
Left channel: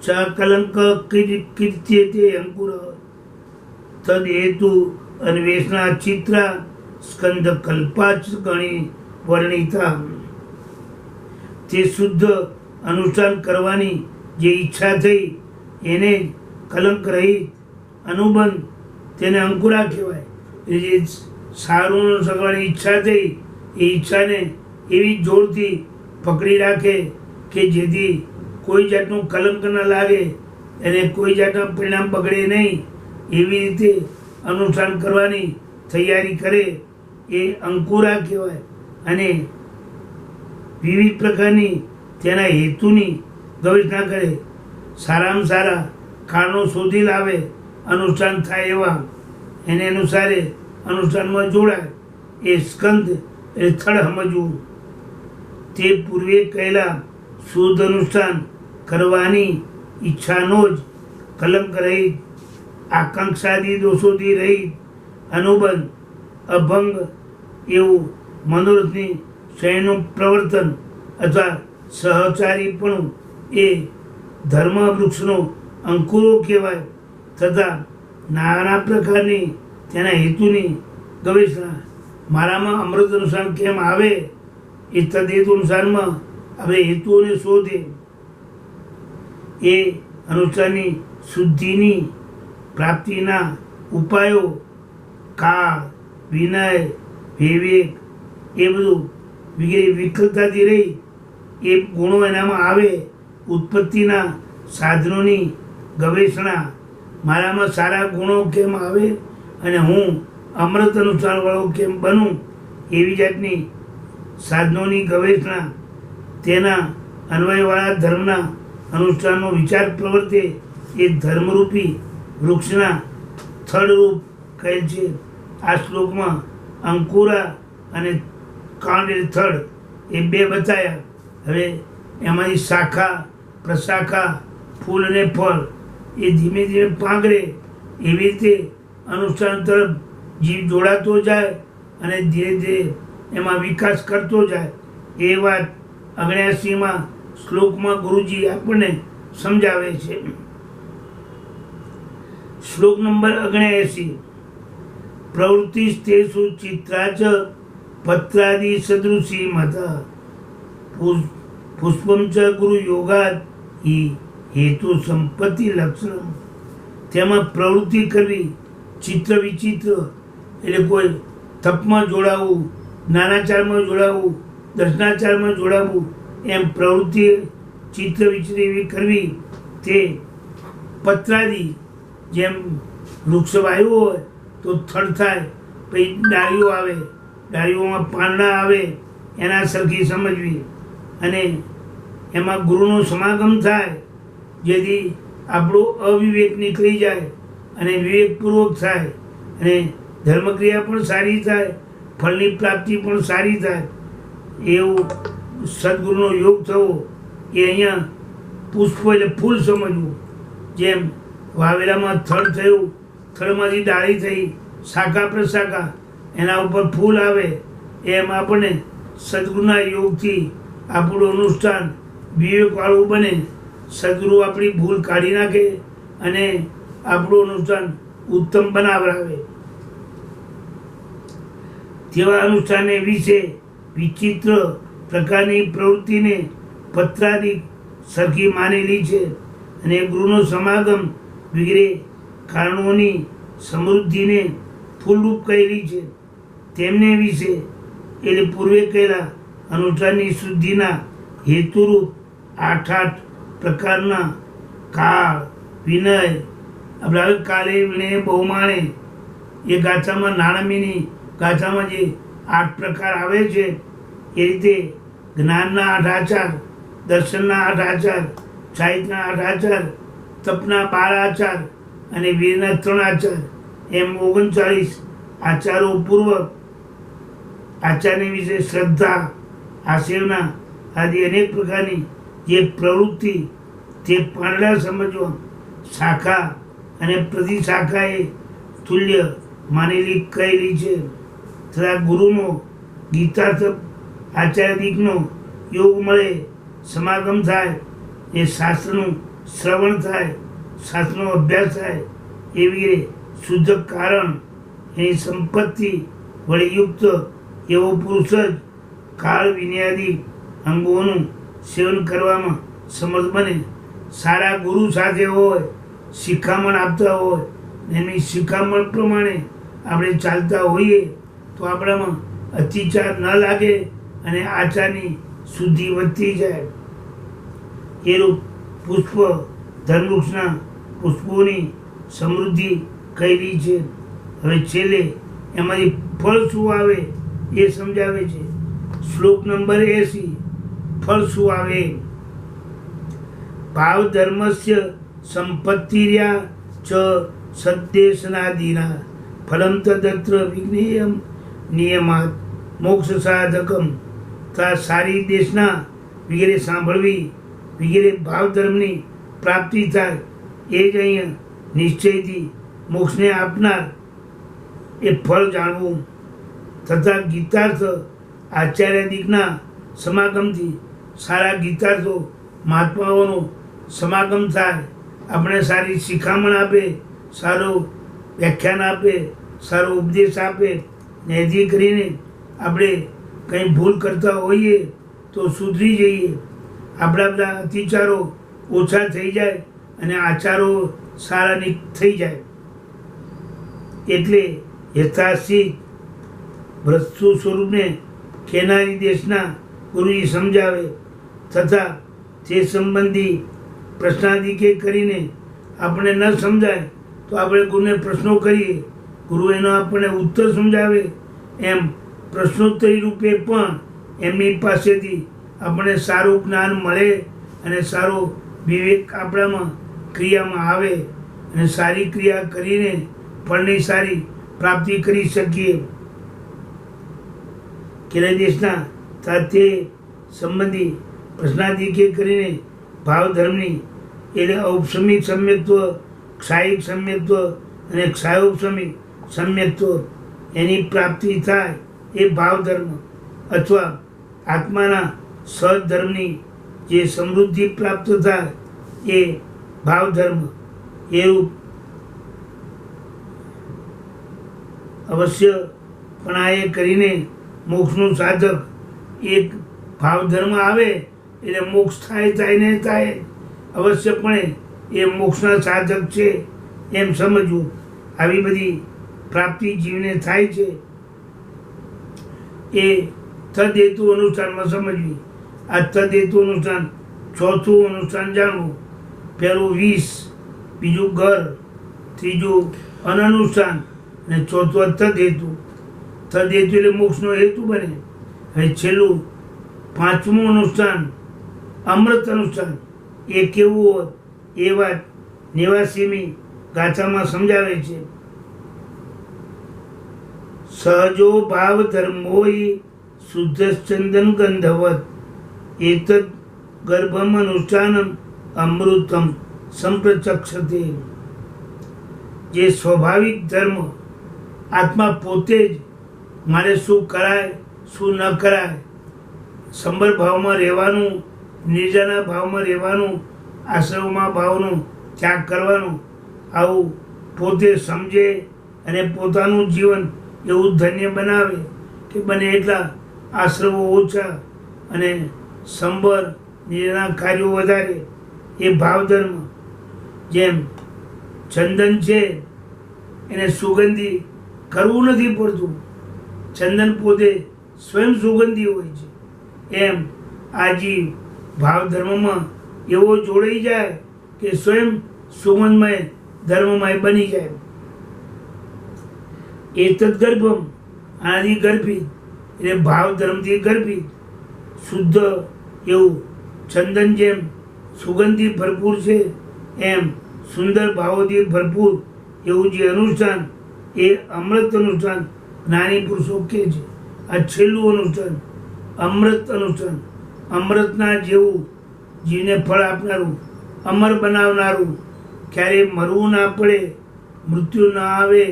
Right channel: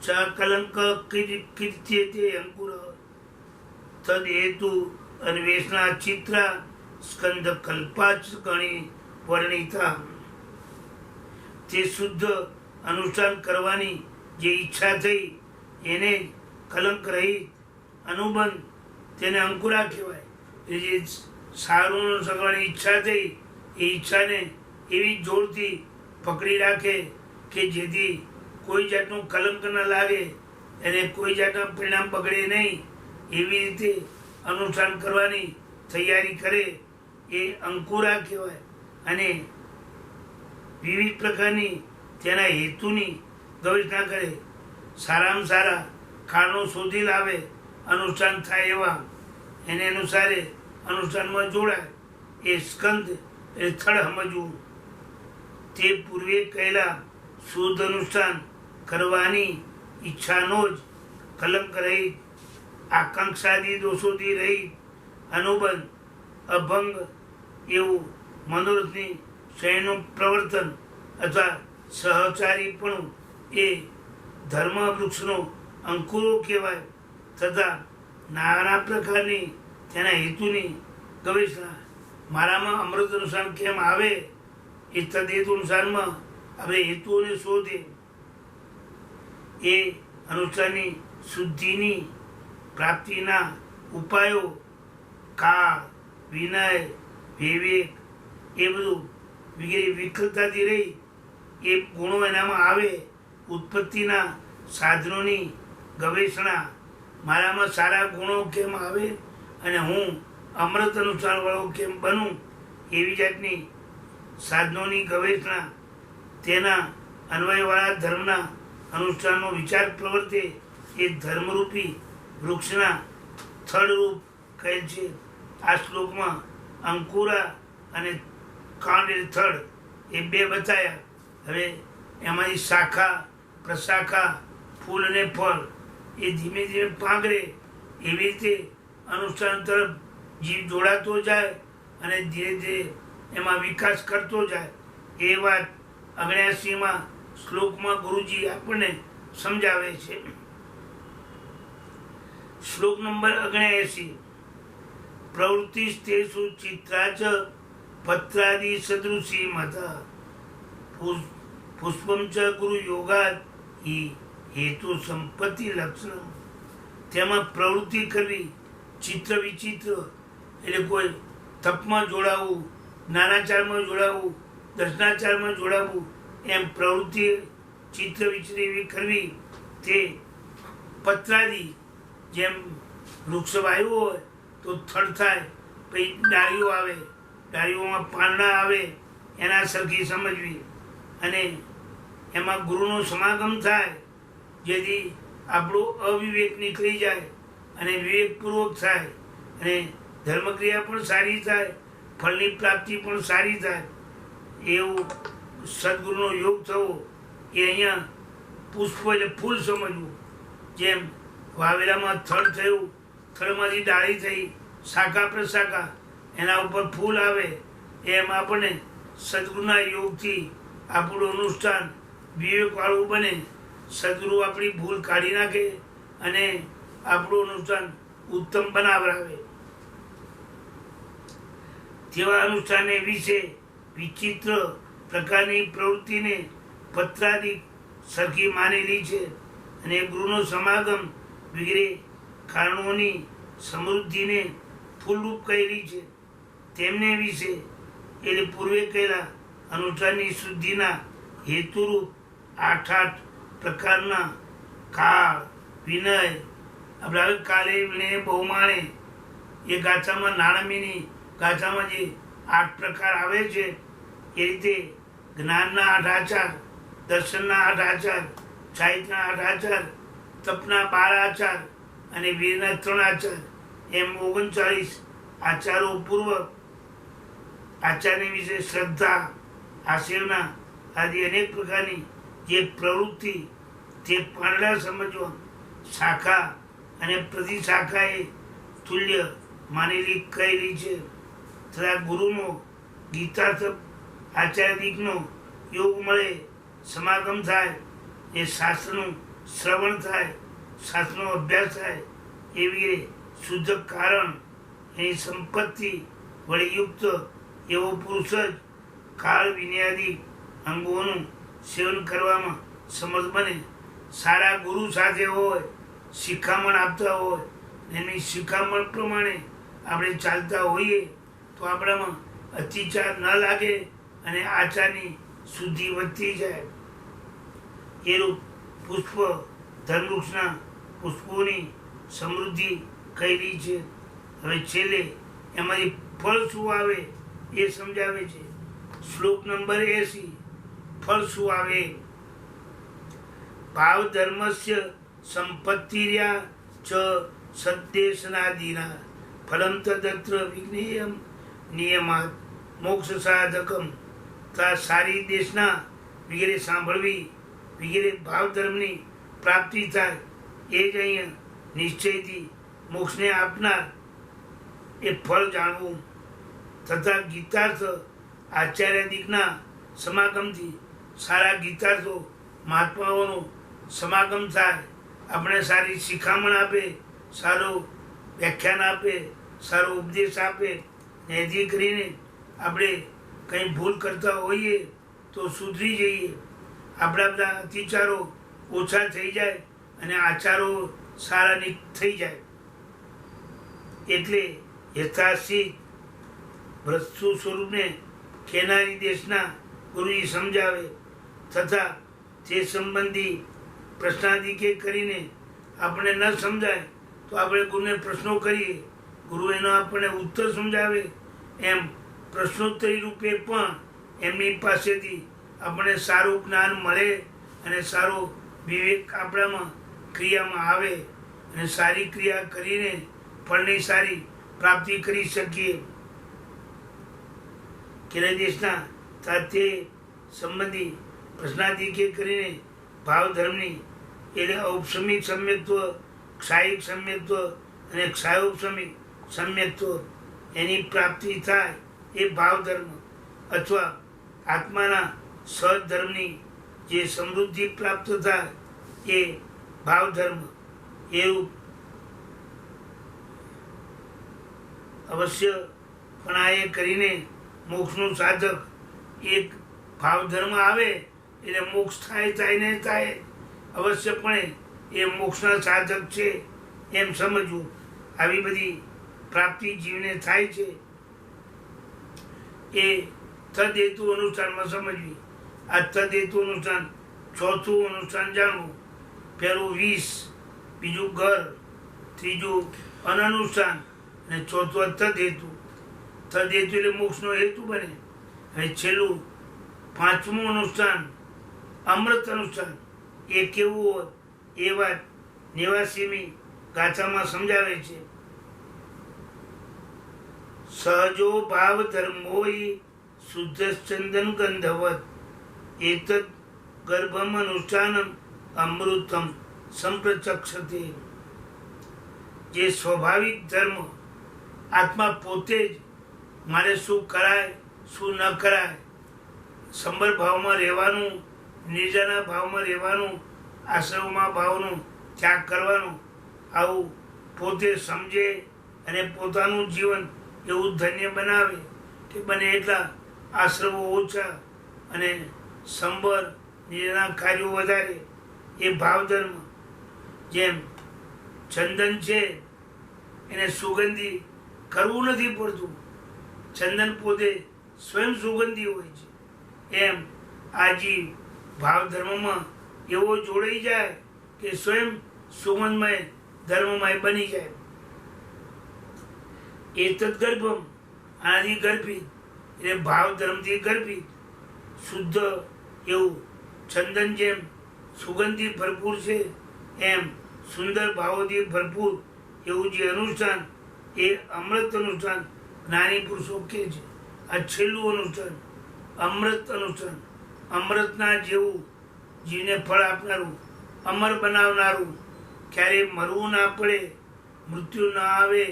ચ કલંક કીર્ત્યતે અંકુર તદ હેતુ અન્વેષણા ચિત્રા સ્કંદ કલ્પાચ ગણી વર્ણિતા. તે શુદ્ધ અનુષ્ઠાન કરવાની જે ઈચ્છા થઈ એને કલંક રહિત અનુબંધ, તેને અંકુરા કહેવાય. એ જે સારું સગવાની ઈચ્છા થઈ એ ઈચ્છાને એવી જોરથી પકડી રાખે કે જેથી કોઈ જાતનું કલંક ન લાગે, એને કોઈ જાતના પરિણામ બગડે નહીં, એવી રીતે અનુષ્ઠાન કરવાની તૈયારી કરે એ અંકુરા કહેવાય. અને વિવિધ પ્રકારની તેના હેતુની ગવેષણા કરે, સારામાં સારા કારણો શોધી લાવે, અનુષ્ઠાન થાય એવા, એને અનુસારે અનુષ્ઠાનમાં જોડાય. એ સ્કંદ એ થડ સમજવું. તે પૂર્વે કહેલા શુદ્ધ અનુષ્ઠાન કરવાની ઈચ્છાનો જ કલંક રહિત, આકાંક્ષાદી દોષોથી રહિત અનુબંધ, અભંગ એવું મનોરથની શયનું પ્રવર્તન અથવા સહચારીપણું એ ધર્મ વૃક્ષનો અંકુરો કહેવાય. તથા નાના પ્રકારની તેના હેતુની ગવેષણા. મારામાં અમૃત અનુસાર કેમ આવે એ તદ્હેતુ અનુસારમાં આપણે હેતુઓને શોધે. એ અનુષ્ઠાનની શુદ્ધિની પ્રાપ્તિના ઉપાયો, કાળ, વિનય, વિવેક, એ બધું વગેરે વિકલતાથી રહી એ ગુણો એનામાં આવે. ઉત્પત્તિના સાધનોની ગવેષણા, મારામાં સારા ગુણો કેમ આવે અને હું અમૃત અનુસારવાળો કેમ બનું, એવી જાતની સાધનોની ગવેષણા. તેના અન્વયવાળા ધર્મના અનુષ્ઠાનનો વિચાર પ્રવર્તે એ ધર્મરૂપી વૃક્ષના થડરૂપ કહેલ છે. આ શ્લોકમાં અંકુરા અને કાંડ થડ એ બે બતાવ્યા. હવે એમાંથી શાખા, પ્રશાખા, ફૂલ અને ફળ એ ધીમે ધીમે પાંગરે. એવી રીતે અનુષ્ઠાન તરફ જીવ જોડાતો જાય અને ધીરે ધીરે એમાં વિકાસ કરતો જાય. એ વાત 79માં શ્લોકમાં ગુરુજી આપણને સમજાવે છે. શ્લોક નંબર 79. પ્રવૃત્તિસ્તેષુ ચિત્રાચ પત્રાદિ સદૃશી મત પુષ્પમ ચ ગુરુ યોગાદ હેતુ સંપત્તિ લક્ષણ. તેમાં પ્રવૃત્તિ કરવી, ચિત્ર વિચિત્ર એટલે કોઈ તપમાં જોડાવું, જ્ઞાનાચારમાં જોડાવું, દર્શનાચારમાં જોડાવું, એમ પ્રવૃત્તિ ચિત્ર વિચિત્ર એવી કરવી. તે પત્રાદિ, જેમ વૃક્ષ વાવ્યું હોય તો થડ થાય, પછી ડાળીઓ આવે, ડાળીઓમાં પાંદડા આવે, એના સરખી સમજવી. અને એમાં ગુરુનો સમાગમ થાય, જેથી આપણો અવિવેક નીકળી જાય અને વિવેકપૂર્વક થાય અને ધર્મક્રિયા પણ સારી થાય ફળની પ્રાપ્તિ પણ સારી થાય. એવું સદગુરુનો યોગ થવો એ અહીંયા પુષ્પ એટલે ફૂલ સમજવું. જેમ વાવેલામાં થળ થયું, થળમાંથી ડાળી થઈ, શાખા પ્રશાખા, એના ઉપર ફૂલ આવે, એમ આપણને સદગુરુના યોગથી આપણું અનુષ્ઠાન વિવેકવાળું બને. સદગુરુ આપણી ભૂલ કાઢી નાખે અને આપણું અનુષ્ઠાન ઉત્તમ બનાવરાવે. તેવા અનુષ્ઠાનને વિશે વિચિત્ર પ્રકારની પ્રવૃત્તિને પત્રાદિક સરખી માનેલી છે અને ગુરુનો સમાગમ વગેરે કારણોની સમૃદ્ધિને ફૂલરૂપ કહેલી છે. તેમને વિશે એટલે પૂર્વે કહેલા અનુષ્ઠાનની શુદ્ધિના હેતુરૂપ 8 પ્રકારના કાળ, વિનય, આપણે હવે કાલે વિનય બહુમાણે એ ગાથામાં નાણામીની ગાથામાં જે 8 પ્રકાર આવે છે એ રીતે જ્ઞાનના 8 આચાર, દર્શનના 8 આચાર, સાહિત્યના 8 આચાર, તપના 12 આચાર અને વીરના 3 આચાર, એમ 39 આચારો પૂર્વક આચાર્ય વિશે શ્રદ્ધા, આશીર્વાદ આદિ અનેક પ્રકારની જે પ્રવૃત્તિ તે પાંદડા સમજવા શાખા અને પ્રતિશાખાએ તુલ્ય માનેલી કહેલી છે. તથા ગુરુનો ગીતાર્થ આચાર્યદિકનો યોગ મળે, સમાગમ થાય, એ શાસ્ત્રનું શ્રવણ થાય, શાસ્ત્રનો અભ્યાસ થાય, એવી શુદ્ધ કારણ એની સંપત્તિ વડે યુક્ત એવો પુરુષ જ કાળ વિનયાદિ અંગોનું સેવન કરવામાં સમર્થ બને. સારા ગુરુ સાથે હોય, શિખામણ આપતા હોય, એની શિખામણ પ્રમાણે આપણે ચાલતા હોઈએ તો આપણામાં અતિચાર ન લાગે અને આચારની શુદ્ધિ વધતી જાય. એ રૂપ પુષ્પ ધર્મવૃક્ષના પુષ્પોની સમૃદ્ધિ કહેલી છે. હવે છેલ્લે એમાંથી ફળ શું આવે એ સમજાવે છે. શ્લોક નંબર 80. ફળ શું આવે? ભાવ ધર્મસ્ય સંપત્તિર્યા ચ સદ્દેશનાદિના ફલમ તદત્ર વિજ્ઞેયમ નિયમાત મોક્ષ સાધકમ. તા સારી દેશના વગેરે સાંભળવી વગેરે ભાવ ધર્મની પ્રાપ્તિ થાય એ જ અહીંયા નિશ્ચયથી મોક્ષને આપનાર એ ફળ જાણવું. તથા ગીતાર્થ આચાર્યાદિકના સમાગમથી સારા ગીતાર્થો મહાત્માઓનો સમાગમ થાય, આપણે સારી શિખામણ આપે, સારું વ્યાખ્યાન આપે, સારો ઉપદેશ આપે, જેથી કરીને આપણે કંઈ ભૂલ કરતા હોઈએ તો સુધરી જઈએ, આપણા બધા અતિચારો ઓછા થઈ જાય અને આચારો સારા થઈ જાય. એટલે યથાશીત ભ્રષ્ટુ સ્વરૂપને કેનારી દેશના ગુરુજી સમજાવે. તથા તે સંબંધી પ્રશ્નાદિકે કરીને આપણે ન સમજાય તો આપણે ગુરુને પ્રશ્નો કરીએ, ગુરુ એનો આપણને ઉત્તર સમજાવે. એમ પ્રશ્નોત્તરી રૂપે પણ એમની પાસેથી આપણને સારું જ્ઞાન મળે અને સારો વિવેક આપણામાં ક્રિયામાં આવે અને સારી ક્રિયા કરીને ફળની સારી પ્રાપ્તિ કરી શકીએ. કેરળ દેશના તે સંબંધી પ્રશ્નાદિકે કરીને ભાવ ધર્મની એટલે ઔપસમિક સમ્યક્ત્વ, ક્ષાયિક સમ્યક્ત્વ અને ક્ષાયોપસમિક સમ્યક્ત્વ એની પ્રાપ્તિ થાય એ ભાવ ધર્મ, અથવા આત્માના સહજ ધર્મની જે સમૃદ્ધિ પ્રાપ્ત થાય એ ભાવ ધર્મ. એવું અવશ્ય પણ આ એ કરીને મોક્ષનું સાધક એક ભાવ ધર્મ આવે એટલે મોક્ષ થાય ને થાય, અવશ્યપણે એ મોક્ષના સાધક છે એમ સમજવું. આવી બધી પ્રાપ્તિ જીવને થાય છે એ તદ્હેતુ અનુષ્ઠાનમાં સમજવી. આ તદ્હેતુ અનુષ્ઠાન ચોથું અનુષ્ઠાન જાણવું. પહેલું 20, બીજું ઘર, ત્રીજું અનનુષ્ઠાન અને ચોથું તદ્હેતુ. તદ્હેતુ એટલે મોક્ષનો હેતુ બને. હવે છેલ્લું 5મું અનુષ્ઠાન અમૃત અનુષ્ઠાન. એ કેવું હોય એ વાત નિવાસીની ગાથામાં સમજાવે છે. સહજો ભાવ ધર્મોય શુદ્ધ ચંદન ગંધવત એતદ ગર્ભમ અનુષ્ઠાનમ અમૃતમ સંપ્રચક્ષતે. જે સ્વાભાવિક ધર્મ આત્મા પોતે જ મારે શું કરાય શું ન કરાય, સંબર ભાવમાં રહેવાનું, નિર્જના ભાવમાં રહેવાનું, આશ્રમમાં ભાવનું ત્યાગ કરવાનું, આવું પોતે સમજે અને પોતાનું જીવન એવું ધન્ય બનાવે કે બને એટલા આશ્રમો ઓછા અને સંબર નિર્જના કાર્યો વધારે. એ ભાવધર્મ જેમ ચંદન છે એને સુગંધી કરવું નથી પડતું, ચંદન પોતે સ્વયં સુગંધી હોય છે. એમ આ જીવ ભાવધર્મમાં એવો જોડાઈ જાય કે સ્વયં સુગંધમય ધર્મમય બની જાય. એતદ ગર્ભમ આનાથી ગર્ભિત એટલે ભાવધર્મથી ગર્ભિત શુદ્ધ એવું ચંદન જેમ સુગંધથી ભરપૂર છે, એમ સુંદર ભાવોથી ભરપૂર એવું જે અનુષ્ઠાન એ અમૃત અનુષ્ઠાન જ્ઞાની પુરુષો કહે છે. આ છેલ્લું અનુષ્ઠાન અમૃત અનુષ્ઠાન, અમૃતના જેવું જીવને ફળ આપનારું, અમર બનાવનારું, ક્યારેય મરવું ના પડે, મૃત્યુ ના આવે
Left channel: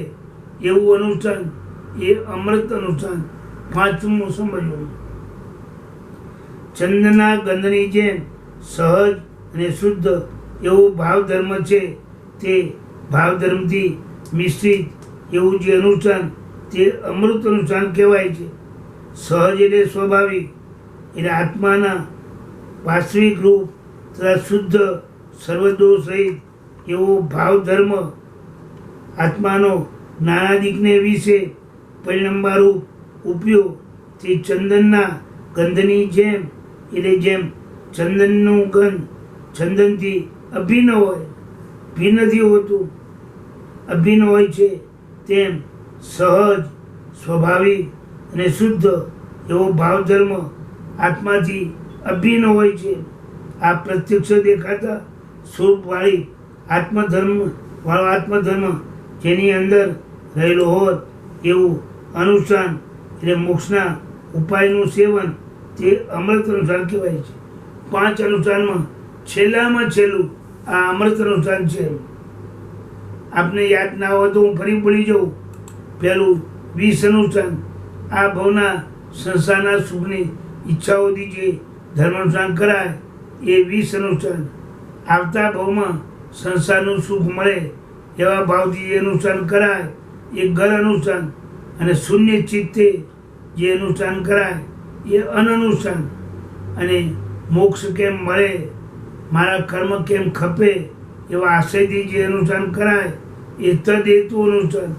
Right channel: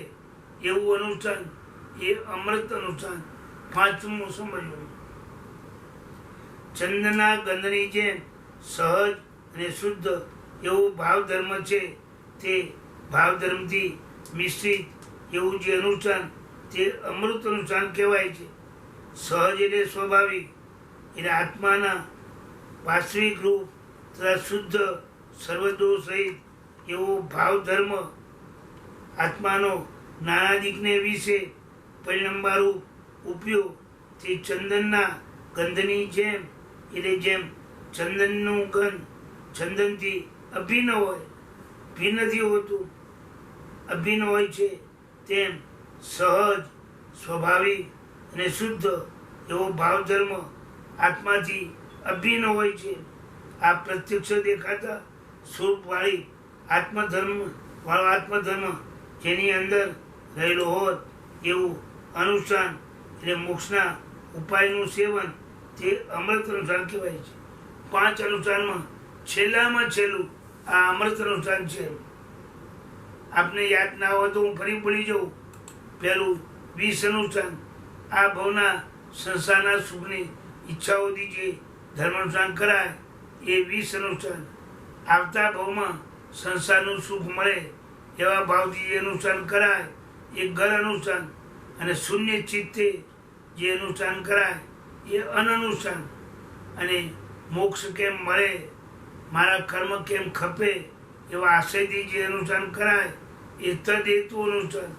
એવું અનુષ્ઠાન એ અમૃત અનુષ્ઠાન. પાંચમું સમજવું, ચંદનના ગંધની જેમ સહજ અને શુદ્ધ એવો ભાવધર્મ છે, તે ભાવધર્મથી મિશ્રિત એવું જે અનુષ્ઠાન તે અમૃત અનુષ્ઠાન કહેવાય છે. સહજ એટલે સ્વાભાવિક એટલે આત્માના વાસ્તવિક રૂપ તથા શુદ્ધ સર્વદોષ રહિત એવો ભાવધર્મ આત્માનો જ્ઞાનાદિકને વિશે પરિણમવારૂપ ઉપયોગ તે ચંદનના ગંધની જેમ એટલે જેમ ચંદનનું ગંધ ચંદનથી અભિન્ન હોય, ભિન્ન નથી હોતું, અભિન્ન હોય છે, તેમ સહજ સ્વાભાવિક અને શુદ્ધ એવો ભાવધર્મ આત્માથી અભિન્ન હોય છે. આ પ્રત્યક્ષ દેખાતા સ્વરૂપવાળી આત્મધર્મ જેની અંદર રહેલો હોત એવું અનુષ્ઠાન એટલે મોક્ષના ઉપાયનું સેવન તે અમૃત અનુષ્ઠાન કહેવાય છે. 5 અનુષ્ઠાનમાં છેલ્લામાં છેલ્લું આ અમૃત અનુષ્ઠાન છે. આપને યાદ ના હોય તો હું ફરી પડી જાઉં. પહેલું 20 અનુષ્ઠાન આ ભવના સંસારના સુખની ઈચ્છાઓથી જે ધર્મ અનુષ્ઠાન કરાય એ 20 અનુષ્ઠાન. આવતા ભવમાં સંસારનું સુખ મળે એવા ભાવથી જે અનુષ્ઠાન કરાય એ ઘર અનુષ્ઠાન. અને શૂન્ય ચિત્તે જે અનુષ્ઠાન કરાય એ અનનુષ્ઠાન. અને મોક્ષ કેમ મળે, મારા કર્મ કેમ ખપે એવા આશયથી જે અનુષ્ઠાન કરાય એ તદ હેતુ અનુષ્ઠાન.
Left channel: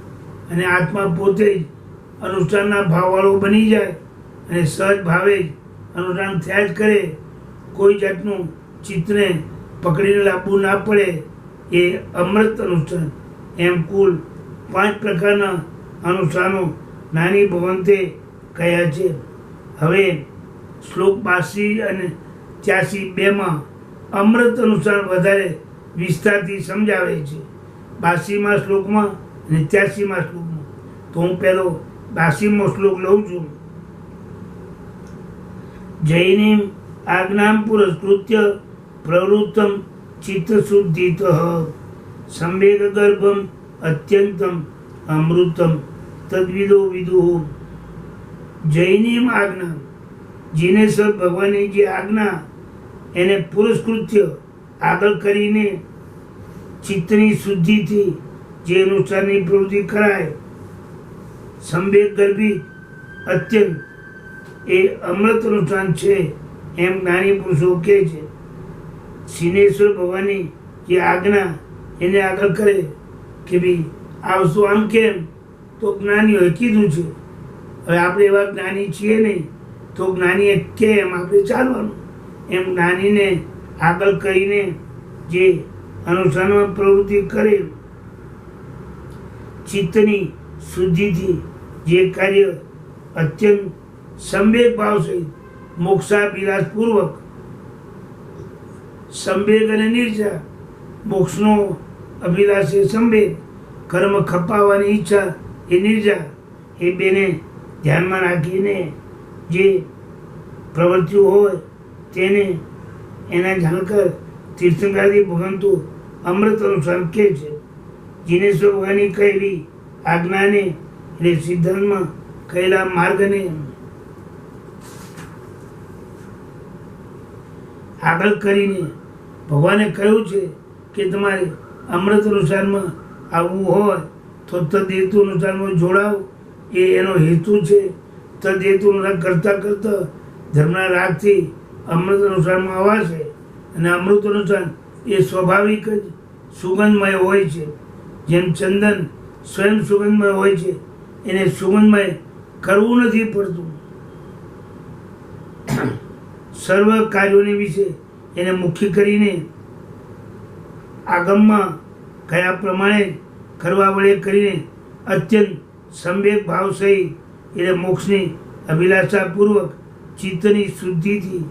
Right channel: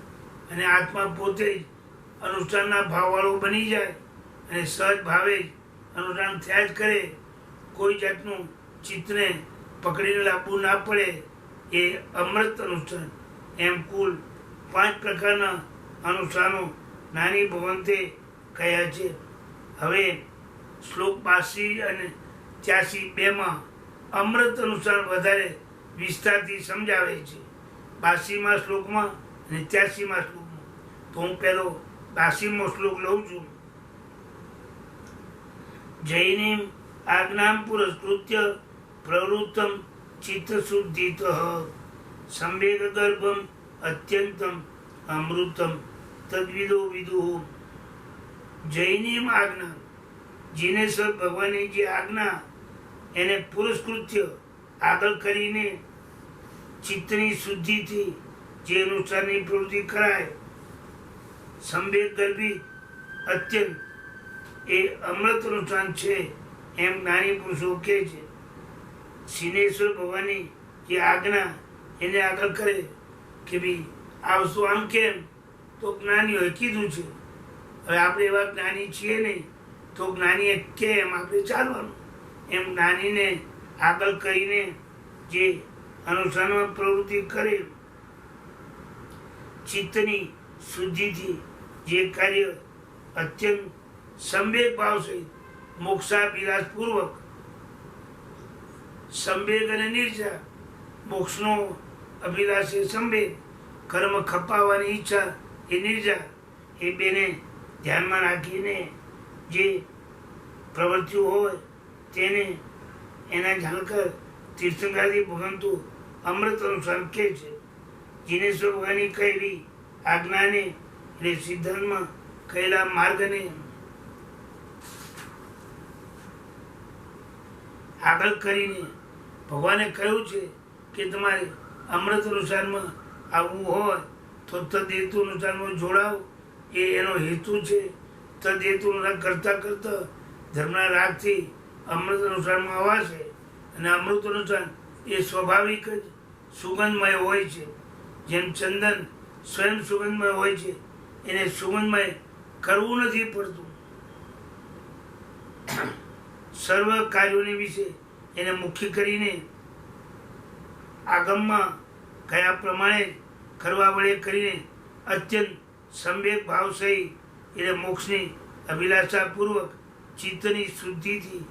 અને આત્મા પોતે જ અનુષ્ઠાનના ભાવવાળો બની જાય અને સહજ ભાવે જ અનુષ્ઠાન થયા જ કરે, કોઈ જાતનું ચિત્તને પકડીને લાવવું ના પડે એ અમૃત અનુષ્ઠાન. એમ કુલ 5 પ્રકારના અનુષ્ઠાનો નાની ભવંતે કયા છે. હવે શ્લોક 82 અને 83 માં અમૃત અનુષ્ઠાન વધારે વિસ્તારથી સમજાવે છે. 82મા શ્લોકમાં અને 83મા શ્લોકમાં. તો હું પહેલો 82મો શ્લોક લઉં છું. જૈનીમ આજ્ઞામ પુરસ્કૃત્ય પ્રવૃત્તમ ચિત્તશુદ્ધિત સંવેગ ગર્ભમ અત્યંતમ અમૃતમ તદ્વિદો વિદુઃ. જૈનીમ આજ્ઞા, જીનેશ્વર ભગવાનની જે આજ્ઞા એને પુરસ્કૃત્ય આગળ કરીને ચિત્તની શુદ્ધિથી જે અનુષ્ઠાનની પ્રવૃત્તિ કરાય, સંવેગ ગર્ભી અત્યંત એ અમૃત અનુષ્ઠાન છે એમ જ્ઞાની પુરુષો કહે છે. સિનેશ્વર ભગવાનની જે આજ્ઞા એને આગળ કરે કે ભાઈ આ વસ્તુ આમ કેમ, તો જ્ઞાનીઓએ કીધું છે. હવે આપણે એવા જ્ઞાની છીએ નહીં તો જ્ઞાનીએ કેમ આપણે ચાલવાનું. એમ જ્ઞાનીને આગળ કરીને જે અનુષ્ઠાનમાં પ્રવૃત્તિ કરે, ચિત્તની શુદ્ધિથી જે કાર્ય અત્યંત સંવેગ ભાવ સહિત મોક્ષાભિલાષપૂર્વક, સંવેગ અને નિર્જા, મોક્ષનો અભિલાષ એ સંવેગ, કર્મ ખપાવવાની ઈચ્છા એ નિર્જા, એ બેને ધ્યાનમાં રાખીને જે પ્રવૃત્તિઓ હોય તેને એના જાણકાર તીર્થંકરાદી ભગવંતો અમૃત અનુસાર કહે છે. જીનેશ્વર ભગવાનની કહેલી આજ્ઞાને એટલે સિદ્ધાંતમાં કહેલા માર્ગને આગળ કરીને ભગવાને કહ્યું છે કે તમારે અમૃત અનુસારમાં આવવું હોય તો તદ્હેતુ અનુસારમાં જોડાવ, એ એનો હેતુ છે. તદ્હેતુ અનુસાર કરતાં કરતાં ધર્મના રાગથી અમૃત અનુસારમાં અવાશે. અને અમૃત અનુસાર એ સ્વાભાવિક જ સુગંધમય હોય છે. જેમ ચંદન સ્વયં સુગંધમય હોય છે, એને સુગંધમય કરવું નથી પડતું. સર્વ કાર્યોને વિશે એને મુખ્ય કરીને આગમમાં કયા પ્રમાણે કરવા વડે કરીને અત્યંત સંવેગ ભાવ સહિત એટલે મોક્ષની અભિલાષાપૂર્વક ચિત્તની શુદ્ધિથી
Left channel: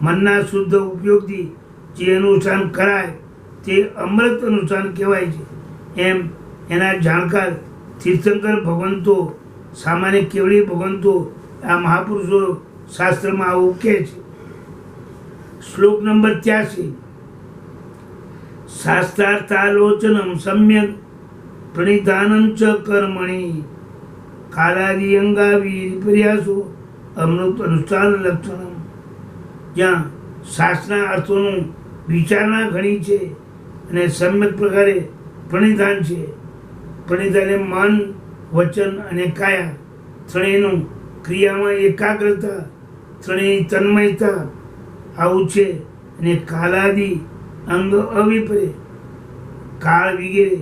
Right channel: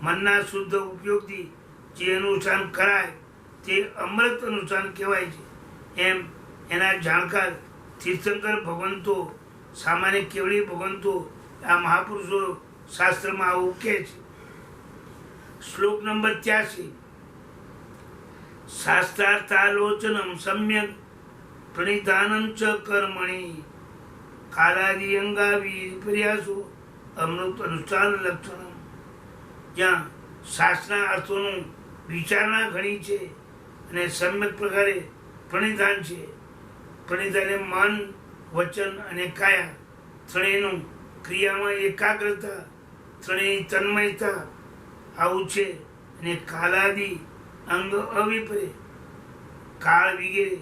મનના શુદ્ધ ઉપયોગથી જે અનુષ્ઠાન કરાય તે અમૃત અનુષ્ઠાન કહેવાય છે. એમ એના જાણકાર તીર્થંકર ભગવંતો, સામાન્ય કેવળી ભગવંતો, આ મહાપુરુષો શાસ્ત્રમાં આવું કહે છે. શ્લોક નંબર 83. શાસ્ત્રાર્થાલોચનમ સમ્યક પ્રણિધાનમ ચ કર્મણિ કાલાદિ અંગાવી વિપર્યાસો અમૃત અનુષ્ઠાન લક્ષણમ. જ્યાં શાસ્ત્રના અર્થોનું વિચારણા ઘણી છે અને સમ્યક પ્રકારે પ્રણિધાન છે. પ્રણિધાને મન, વચન અને કાયા ત્રણેયનું ક્રિયામાં એકાગ્રતા, ત્રણેય તન્મયતા આવું છે. અને કાલાદિ અંગ અવિપરે, કાળ વગેરે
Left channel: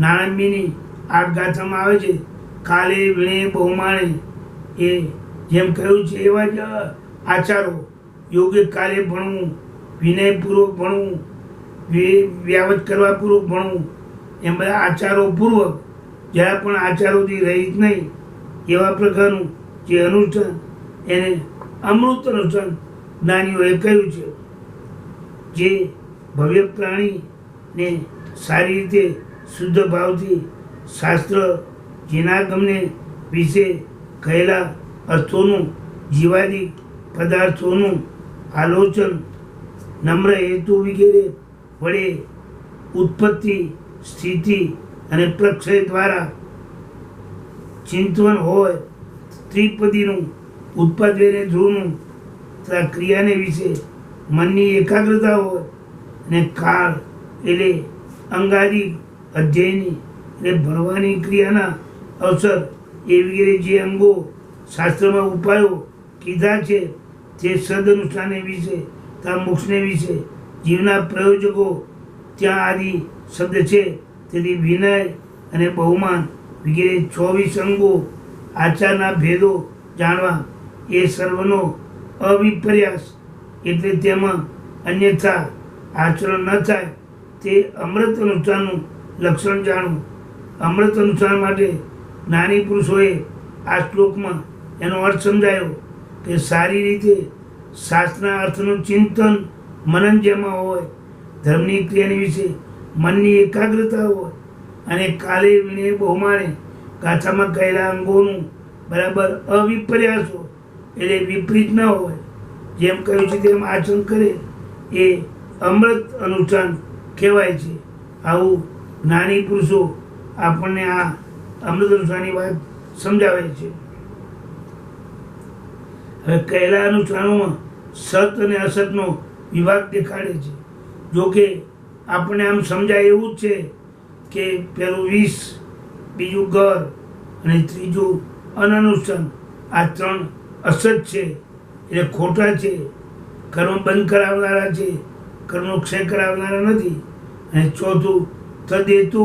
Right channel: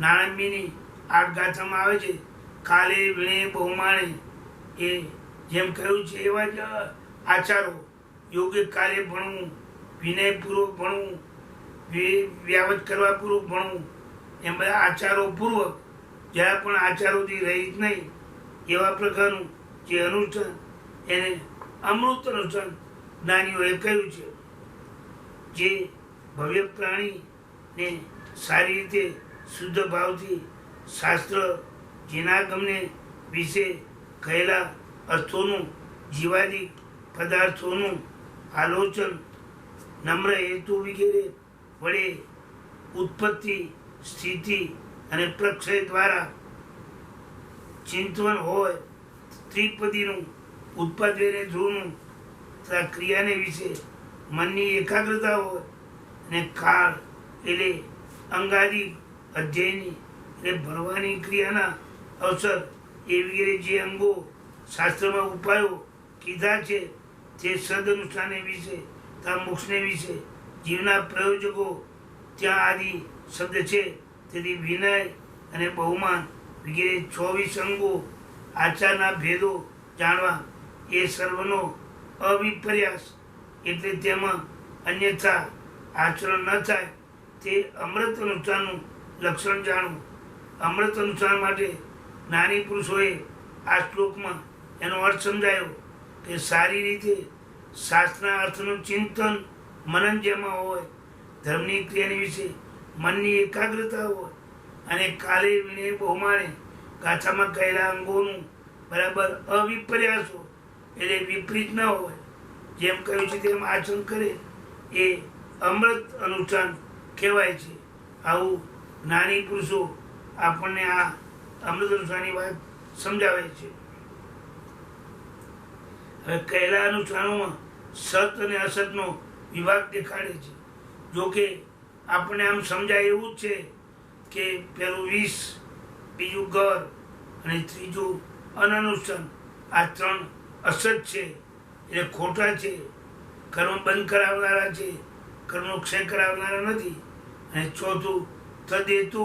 નાણાંબીની આ ગાથામાં આવે છે. કાલે વીણે બહુમાણે, એ જેમ કહ્યું છે એવા જ આચારો. યોગ્ય કાલે ભણવું, વિનયપૂર્વક ભણવું, વ્યાવત કરવા પૂર્વક ભણવું, એમ બધા આચારો પૂર્વક, જ્યારે પણ આચારોથી રહિત નહીં એવા પ્રકારનું જે અનુષ્ઠાન, એને અમૃત અનુષ્ઠાન જ્ઞાનીઓએ કહ્યું છે. જે ભવ્ય પ્રાણીને સારી રીતે શુદ્ધ ભાવથી શાસ્ત્ર જીનાગમને વિશે કહેલા અર્થોનું, જીવાદિક પદાર્થોનું આલોચન નમ્ર હેતુ વગેરે વડે ઉત્પત્તિ, સ્થિતિ અને પ્રક્ષય દ્વારા ચિંતન હોય. ત્રિપદીનું ઉત્પાદને ધ્રુવનું તથા ક્રિયાને વિશે મનની એકાગ્રતા હોય. અને કાળ એટલે અંગાદિક અધ્યયની એટલે ભણવાની ક્રિયાના અવસર એ વગેરે જે અંગો શાસ્ત્રમાં ઉપાયો કીધા છે તે સદઅનુષ્ઠાને વિશે તથા મોક્ષને વિશે જીવના પ્રયોજકો ત્યાં આદિ શબ્દ છે. તેથી વિનય અને બહુમાન વગેરે 24 અંગો આચારના ભેદો જાણવા એ સર્વનો અવિપર્યાસ, એટલે તેમાં અન્યથા આચરણ ન થાય તે અમૃત અનુષ્ઠાનનું લક્ષણ જાણવું. અમૃત અનુષ્ઠાન માટે જ્ઞાની પુરુષોએ આ શ્લોકમાં એનો અર્થ સમજાયો કે સારી રીતે શાસ્ત્રના અર્થનું ચિંતન મનન જેમાં હોય, ધર્મની ક્રિયાની વિશે મનની એકાગ્રતા હોય, અને કાલે વીણે બહુમાને ગાથામાં કહેલા અંગોનું બરાબર અવિપર્યાસ હોય, એટલે વિપરીત ન હોય. જેમ કહ્યું છે તેમ આચરણ કરે એ અમૃત અનુષ્ઠાન કહેવાય છે. આવું જ્ઞાની પુરુષો આપણને આ અમૃત અનુષ્ઠાનની વાત સમજાવે છે. હવે કહેલા અનુષ્ઠાનોમાં સત અને અસતનો વિભાગ દેખાડે છે. જોકે આપણને આમ સમજાય એવું જ છે કે પહેલું વિષ, બીજું ગર અને ત્રીજું અનનુષ્ઠાન, આ ત્રણ અસત છે એટલે ખોટા છે, કર્મ બંધ કરાવનારા છે, કર્મનો ક્ષય કરાવનારા નથી. અને ચોથું તદ્હેતુ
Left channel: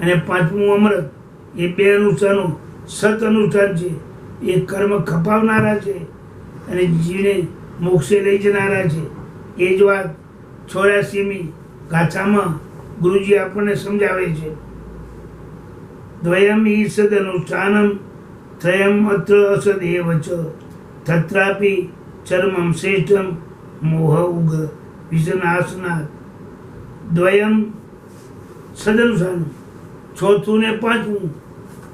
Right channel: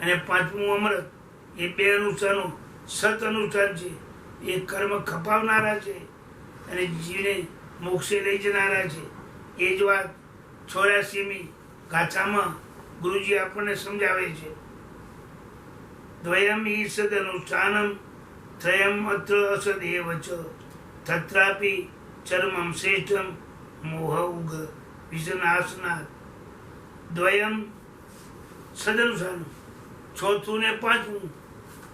અને પાંચમું અમૃત, એ બે અનુષ્ઠાનો સત અનુષ્ઠાન છે. એ કર્મ ખપાવનારા છે અને જીવને મોક્ષે લઈ જનારા છે. એ જ વાત 84મી ગાથામાં ગુરુજી આપણને સમજાવે છે. દ્વયમ ઈ સદનુષ્ઠાનમ ત્રયમ અત્ર અસદેવ ચ તત્રાપી ચર્મમ શ્રેષ્ઠમ મોહ ઉગ વિષનાશનાથ. દ્વયમ સદનુષ્ઠાન, ચોથું ને પાંચમું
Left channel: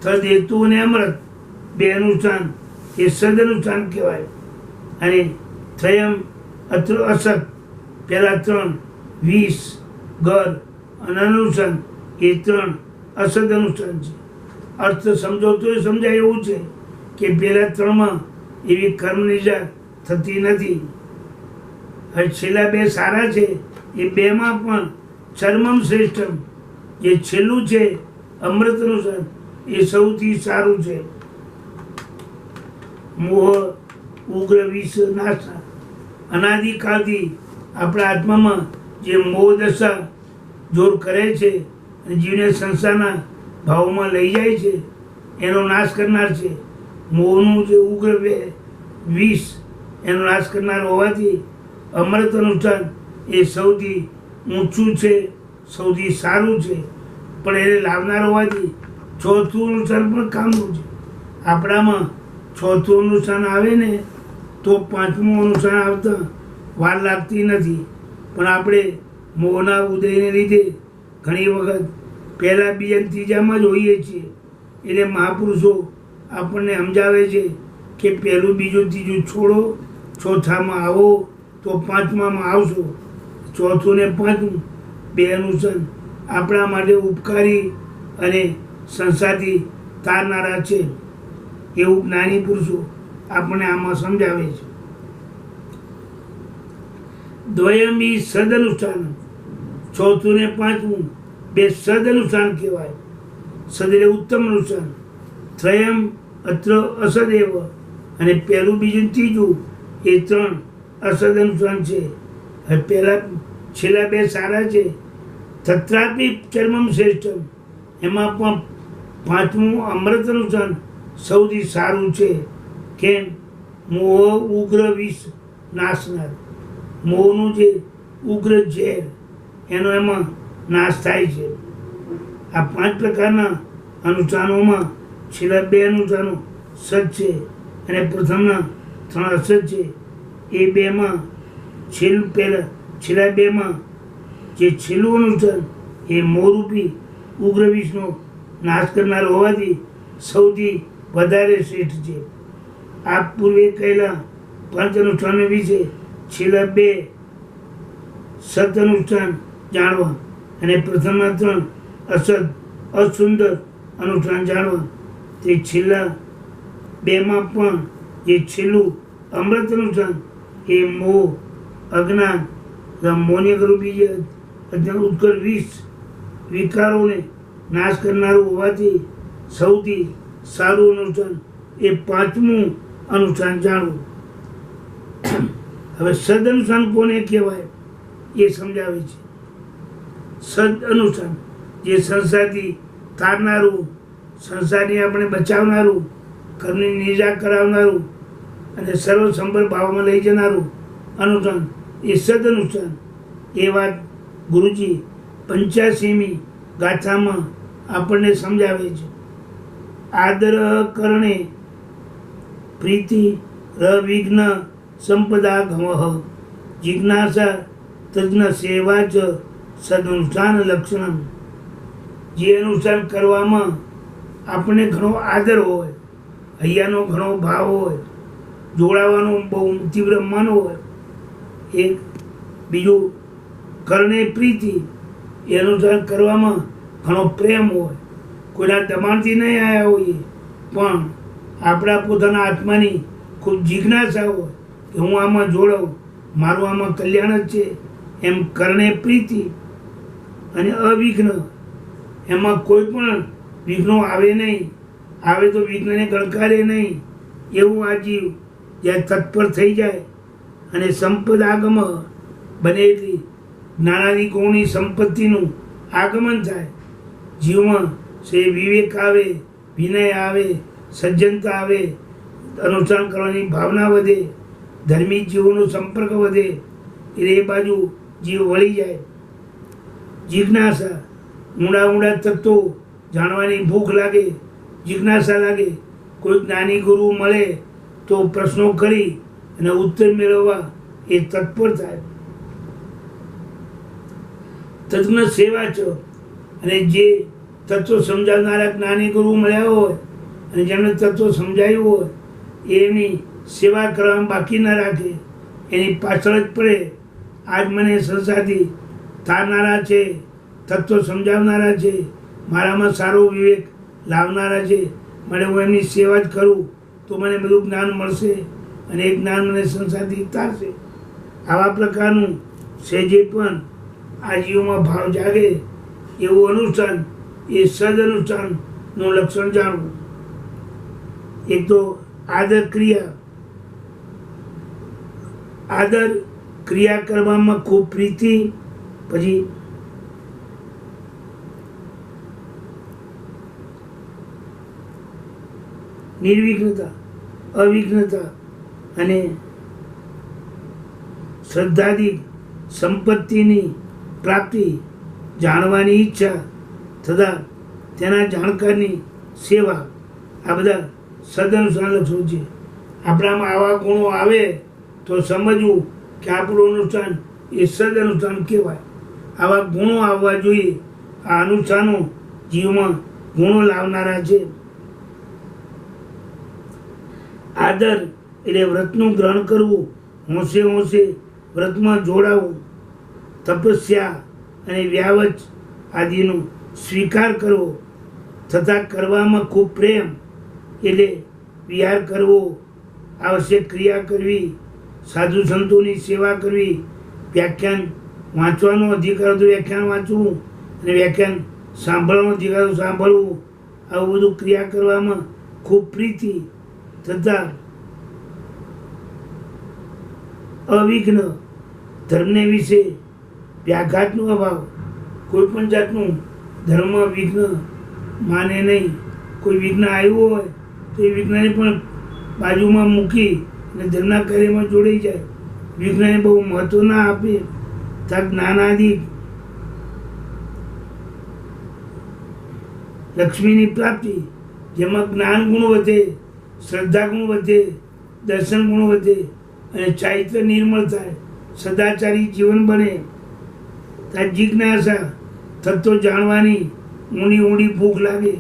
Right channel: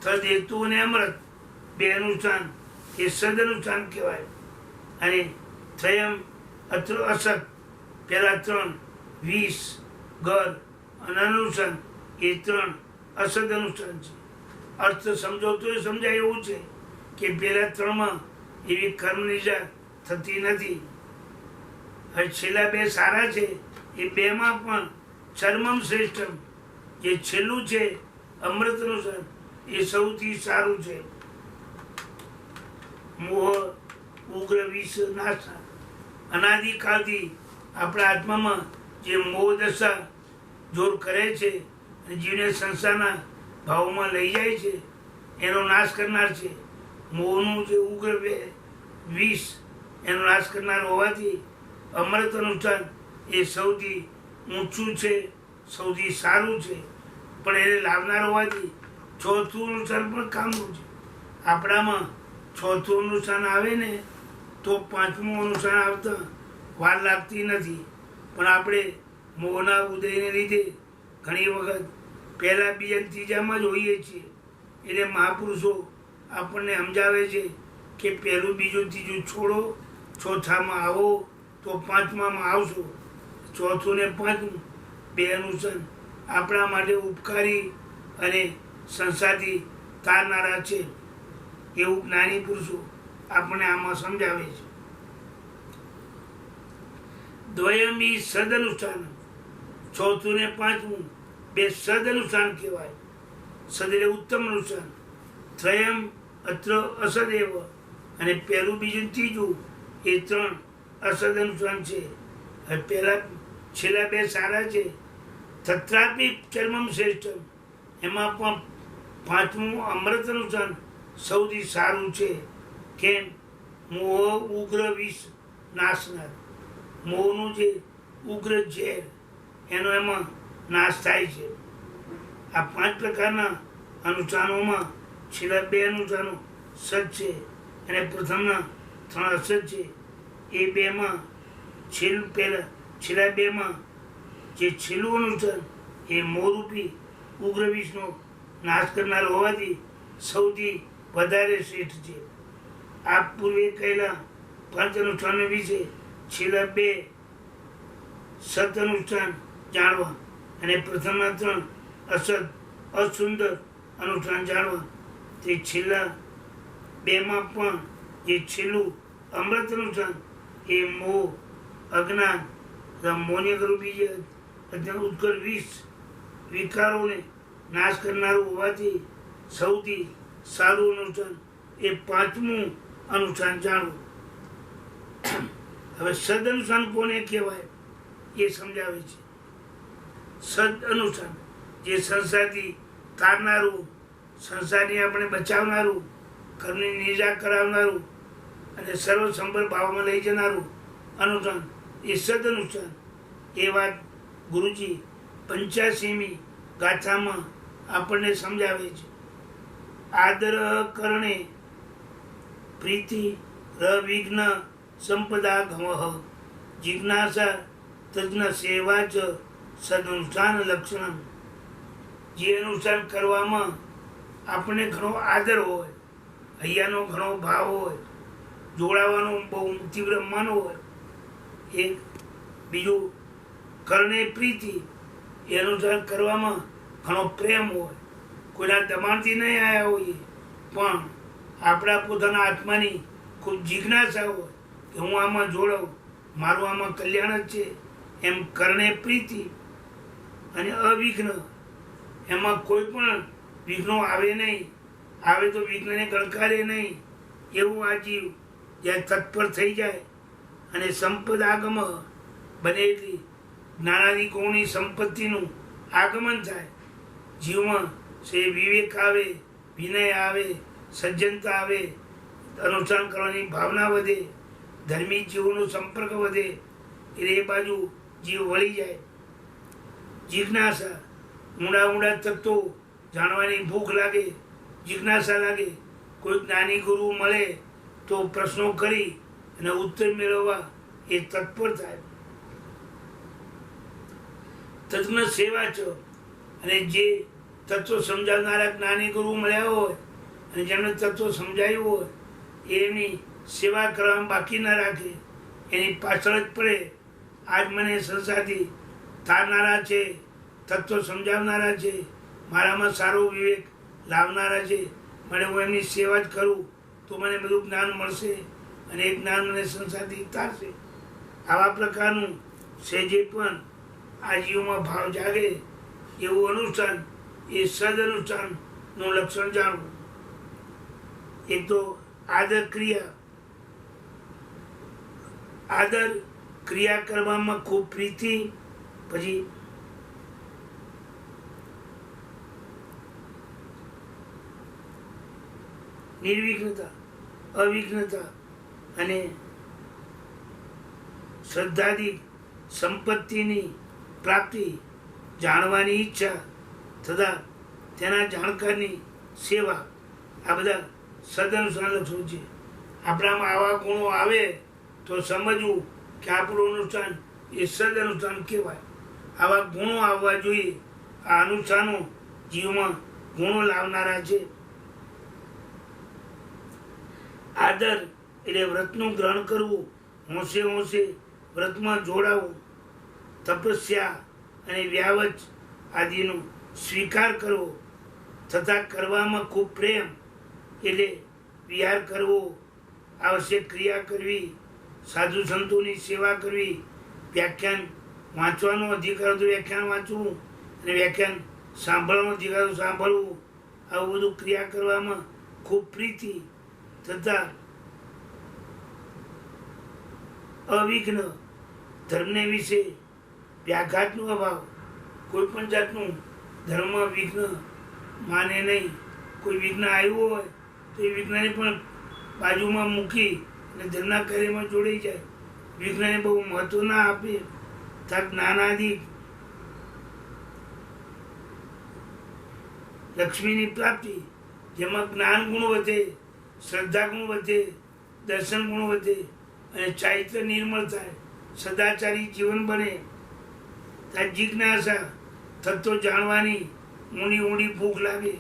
તદ હેતુ અને અમૃત બે અનુષ્ઠાન એ સદ અનુષ્ઠાન કહેવાય. અને ત્રયમ અત્ર અસત પહેલા 3 20 ગર અને અનુષ્ઠાન એ 3 અસદ અનુષ્ઠાન છે. અર્થ સમજો તો સમજાય એવું છે કે પહેલા 3માં એવી કર્મ નિજા થતી નથી. હવે છેલ્લા 2 સારા છે. એ 2માં પણ ચર્મમ શ્રેષ્ઠમ જે છેલ્લું છે અમૃત અનુસાર એ સૌથી સારું છે. મોહ ઉગ્ર વિષ નાશના અનાદિકાળથી આપણા આત્મામાં જે મોહ દશા જોર કરે છે અને જીવને સંસારના ભાવમાં લઈ જાય છે એનો નાશ કરનાર છે. મોહનું જે ઉગ્ર વિષ એનો નાશ કરનાર હોવાથી અમૃત અનુષ્ઠાન એ સૌથી ઊંચું છે, સૌથી સારું છે. પણ એને લાવનાર હોવાથી ચોથું અનુષ્ઠાન પણ કામનું છે. આપણામાં ચોથું અનુષ્ઠાન આવે ને તો પાંચમું અનુષ્ઠાન આવતા વાર લાગતી નથી. પણ આપણે મોહના ઉદયને લીધે ઘણી વખત પહેલાં બીજા ત્રીજામાં જ હોઈએ છીએ. એટલે મહાપુરુષો આપણને સમજાવે છે કે પહેલું બીજું ત્રીજું છોડો, ચોથામાં આવો તો પાંચમામાં આવશો. ચોથું ને પાંચમું 2 અનુષ્ઠાન આપણા માટે ઉપકારી અને સંસારથી તારનારા છે એવું જ્ઞાની પુરુષો આપણને આમાં સમજાવે છે. દ્વયમ ઈ સદ અનુષ્ઠાન, ચોથું ને પાંચમું 2 સદ અનુષ્ઠાન કહેવાય. સદ એટલે ઉત્તમ અનુષ્ઠાન. ત્રયમ અત્ર અસદેવ અને પહેલું બીજું ત્રીજું એ 3 અસદ અનુષ્ઠાન છે. હવે પહેલા છેલ્લા 2 સારા છે. તત્રાપી ચર્મમ શ્રેષ્ઠમ એમાં પણ પાંચમું અમૃત અનુષ્ઠાન સૌથી સારું છે. કેમ? મોહ ઉગ્ર વિષ નાશનાર. મોહનું જે ઉગ્ર ઝેર એનો એમાં નાશ થાય છે. આ 5 પ્રકારના અનુષ્ઠાનોમાં છેલ્લા 2 અનુષ્ઠાનો સત છે અને પ્રથમના 3 અસત છે. એ 2માં છેલ્લા 2માં જે છેલ્લું અનુષ્ઠાન એ મોહરૂપી ઉગ્ર વિષનો નાશ કરનાર હોવાથી સૌથી વધારે શ્રેષ્ઠ છે. આ પૂર્વે કહેલા 5 અનુષ્ઠાનો વિશે છેલ્લા 2 સત અનુષ્ઠાન જાણવા અને પ્રથમના 3 અસત અસુંદર અનુષ્ઠાન જાણવા. તે છેલ્લા 2માં પણ જે છેલ્લું અમૃત અનુષ્ઠાન એ મોહ અજ્ઞાન મોનિયકરૂપી જે ઉત્કટ વિષ વિકારોને નાશ કરનારું હોવાથી સૌથી સારું અનુષ્ઠાન એ 5મું અનુષ્ઠાન જાણવું. હવે સદ અનુષ્ઠાન કોને કહેવાય એ સમજાવે છે. સદ અનુષ્ઠાન જે સંસારથી તારનારું, સંસારને આપણે બચાવનારું, કર્મની નિર્જા કરાવનારું અને સર્વ સંપર ભાવમાં લઈ જનારું અનુષ્ઠાન એ સદ અનુષ્ઠાન. એ વાત ગુરુજી 85મી ગાથામાં આપણને સમજાવે છે. આદર કરણે પ્રીતિ રવિઘ્ન સંપદા ગમઃ જિજ્ઞાસા તજ્ઞ સેવા ચ સદનુષ્ઠાન લક્ષણમ. જે અનુષ્ઠાન કરવામાં આપણને ઘણો આદર હોય, હૈયાનો ઘણો ભાવ હોય, જોડાવાનો બહુ તીવ્ર મન હોય, એક બીજું કરણે પ્રીતિ એ અનુષ્ઠાન કરવામાં ઘણો પ્રેમ હોય, કોઈના દબાણથી નહીં આવ્યા હોઈએ પણ આપણા પોતાના આત્માની ખૂબ જિજ્ઞાસા હોય કે હું આમાં જોડાઉં, મારું આમાં કલ્યાણ જ છે એમ કરણે પ્રીતિ. અને અવિઘ્ન એમાં કોઈ પણ વિઘ્નો આવે નહીં, આવે તો વિઘ્નને ગણકારે નહીં એવું આ જીવ જ્યારે તત્પર થઈ જાય અને સંપદ આગમ બને એટલી જ્ઞાનાદિ ગુણની સંપત્તિનું આગમન થાય. જીવમાં સે વિવેક આવે, વિનય આવે, સજ્જનતા આવે, અનુષ્ઠાન કરવાની ભાવના વધે, ધર્મી જીવોનો સંપર્ક વધે એટલે એ બાજુ જીવ વળી જાય. જિજ્ઞાસા ઊંડા ઊંડા તત્વો જાણવાની ભૂખ લાગે, જિજ્ઞાસા લાગે. કોઈ જ્ઞાની ગુરુ મળે તો પ્રશ્નો કરી અને ઉત્તર મેળવવા એ તત્પર થાય. તજ્ઞ સેવા છે અને જે તત્વ સમજાવનારા જ્ઞાની ગુરુ મળ્યા હોય અને જેમણે તત્વ સમજાવ્યું હોય એની સેવા કરવામાં બાકી ન રાખે, એની પાછળ જ પડે. આજ મને સંસારથી તારનારા છે, તત્વ સમજાવનારા છે, મારામાં સારો વિવેક લાવનારા છે, મને હું એમની સેવા જ કરું તો મને બધું જ્ઞાન મળશે અને એ જ્ઞાન મને સંસારથી તારશે. આવા પ્રકારનું સહેજે પણ આ જીવમાં ભાવ જાગે એવું અનુષ્ઠાન, એ સદ અનુષ્ઠાનનું લક્ષણ જાણવું. એક તો આદર ક્રિયા, આદર ક્રિયા કરવામાં ખૂબ પ્રીતિ, પછી નિર્વિઘ્નતા, અવિઘ્નતા અને શ્રદ્ધાથી સંપત્તિની પ્રાપ્તિ, જાણવાની ઈચ્છા તથા તેના જાણકારની સેવા, આ બધા સદઅનુષ્ઠાન લક્ષણો છે. આપણામાં આવા ગુણો આવે તો સમજવું કે આપણું અનુષ્ઠાન એ સદઅનુષ્ઠાન કહેવાય. આવા ગુણો આવવા જોઈએ. આ અનુષ્ઠાનો જીવમાં ગુણો લાવનારા છે. આદર એટલે વ્રતનું ગ્રહણ કરવું, હોંશે હોંશે વ્રતમાં જોડાવું, તપસ્યા અને વ્યાવચ આદિનો સ્વીકાર કરવો તથા કરવામાં ખૂબ પ્રેમ એટલે વિહાર કરવો, આવશ્યક ક્રિયા કરવી, સાધુ સંતોની સેવા કરવી, વ્યાખ્યાન વાંચવાનો અધિકાર તો વ્યાખ્યાન વાંચવું અને વ્યાખ્યાન સાંભળવાનો અધિકાર તો સાંભળવું, આવું બધું ક્રિયા કરવામાં ખૂબ પ્રીતિ તથા અવિઘ્ન, ધર્મને વિશે વ્યાઘાતનો અભાવ, કોઈ પણ જાતનું ધર્મ વિઘ્ન માને નહીં. કોઈ વિઘ્ન આવ્યું હોય તો એ વિઘ્નને પણ બાજુમાં મૂકી અને ધર્મના કાર્યમાં જોડાઈ જાય. વિઘ્નને બહુ મહત્વ ના આપે. ત્યાં જ્ઞાનાદિ લક્ષ્મીની પ્રાપ્તિ, જેમાં જ્ઞાન ગુણ વધે, શ્રદ્ધા ગુણ વધે, દર્શન ગુણ વધે અને ચારિત્ર નિર્મળ થાય, સદાચારી જીવન બને. ત્યાં જિજ્ઞાસા, તત્વ જાણવાની ઊંડી ઊંડી ભૂખ લાગે.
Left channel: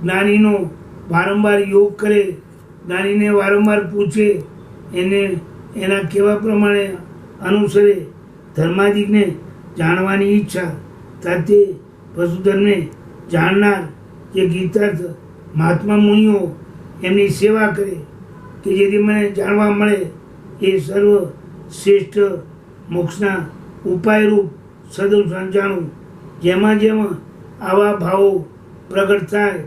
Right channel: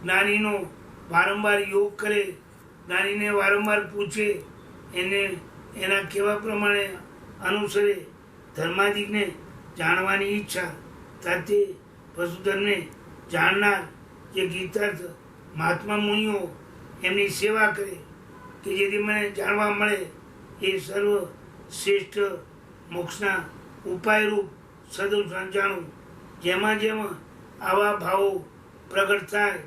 જ્ઞાનીનો વારંવાર યોગ કરે, જ્ઞાનીને વારંવાર પૂછે, એને એના કહેવા પ્રમાણે અનુસરે. ધર્માદિકને જાણવાની ઈચ્છા, તાતે વસુધર્મને જાણનાર જે ગીતાર્થ મહાત્મા મુનિઓ એમની સેવા કરે કે જેથી મને જાણવા મળે. એ સર્વ શ્રેષ્ઠ મોક્ષના ઉપાયરૂપ સદઅનુષ્ઠાન જાણવું. જેમાં જેમાં આવા ભાવો પ્રગટ થાય,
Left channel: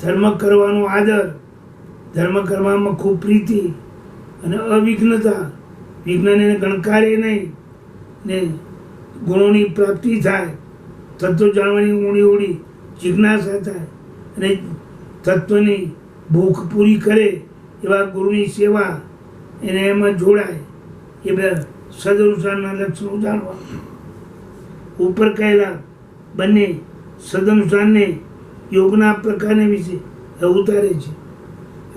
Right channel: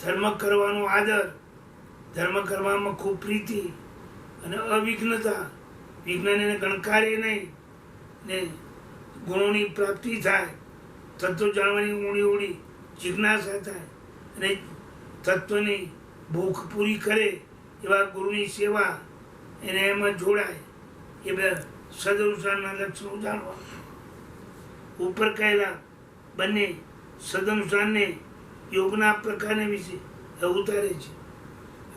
ધર્મ કરવાનો આદર, ધર્મ કરવામાં ખૂબ પ્રીતિ અને અવિઘ્નતા, વિઘ્નને ગણકારે નહીં ને ગુણોની પ્રાપ્તિ થાય, તત્વ જાણવાની ઊંડી ઊંડી જિજ્ઞાસા થાય અને તત્વની ભૂખ પૂરી કરે એવા ગુરુની સેવા, એને એમાં જોડાય. એ બધા સદઅનુષ્ઠાનના લક્ષણો જાણવા. ઉપર કહેલા બંને સદઅનુષ્ઠાનને યોગના પ્રકારને વિશે ઉતારે છે.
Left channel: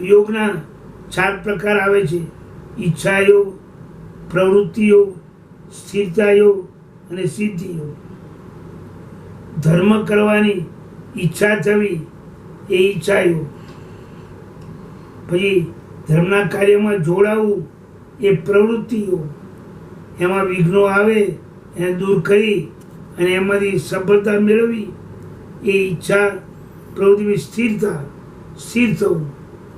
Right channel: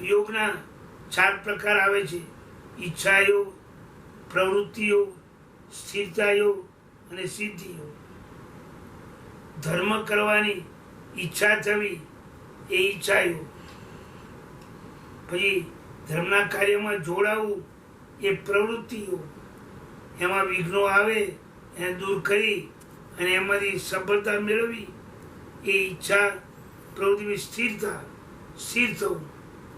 યોગના 4 પ્રકાર આવે છે: ઈચ્છા યોગ, પ્રવૃત્તિ યોગ, સ્થિરતા યોગ અને સિદ્ધિ યોગ. ધર્મ કરવાની ઈચ્છા થવી એ ઈચ્છા યોગ. પછી ધર્મના કાર્યમાં જોડાવું એ પ્રવૃત્તિ યોગ. એમાં વિઘ્નો આવે એને દૂર કરી અને એમાંથી સફળતા મેળવી એ ઈચ્છા પ્રવૃત્તિની સ્થિરતા, સ્થિર થવું.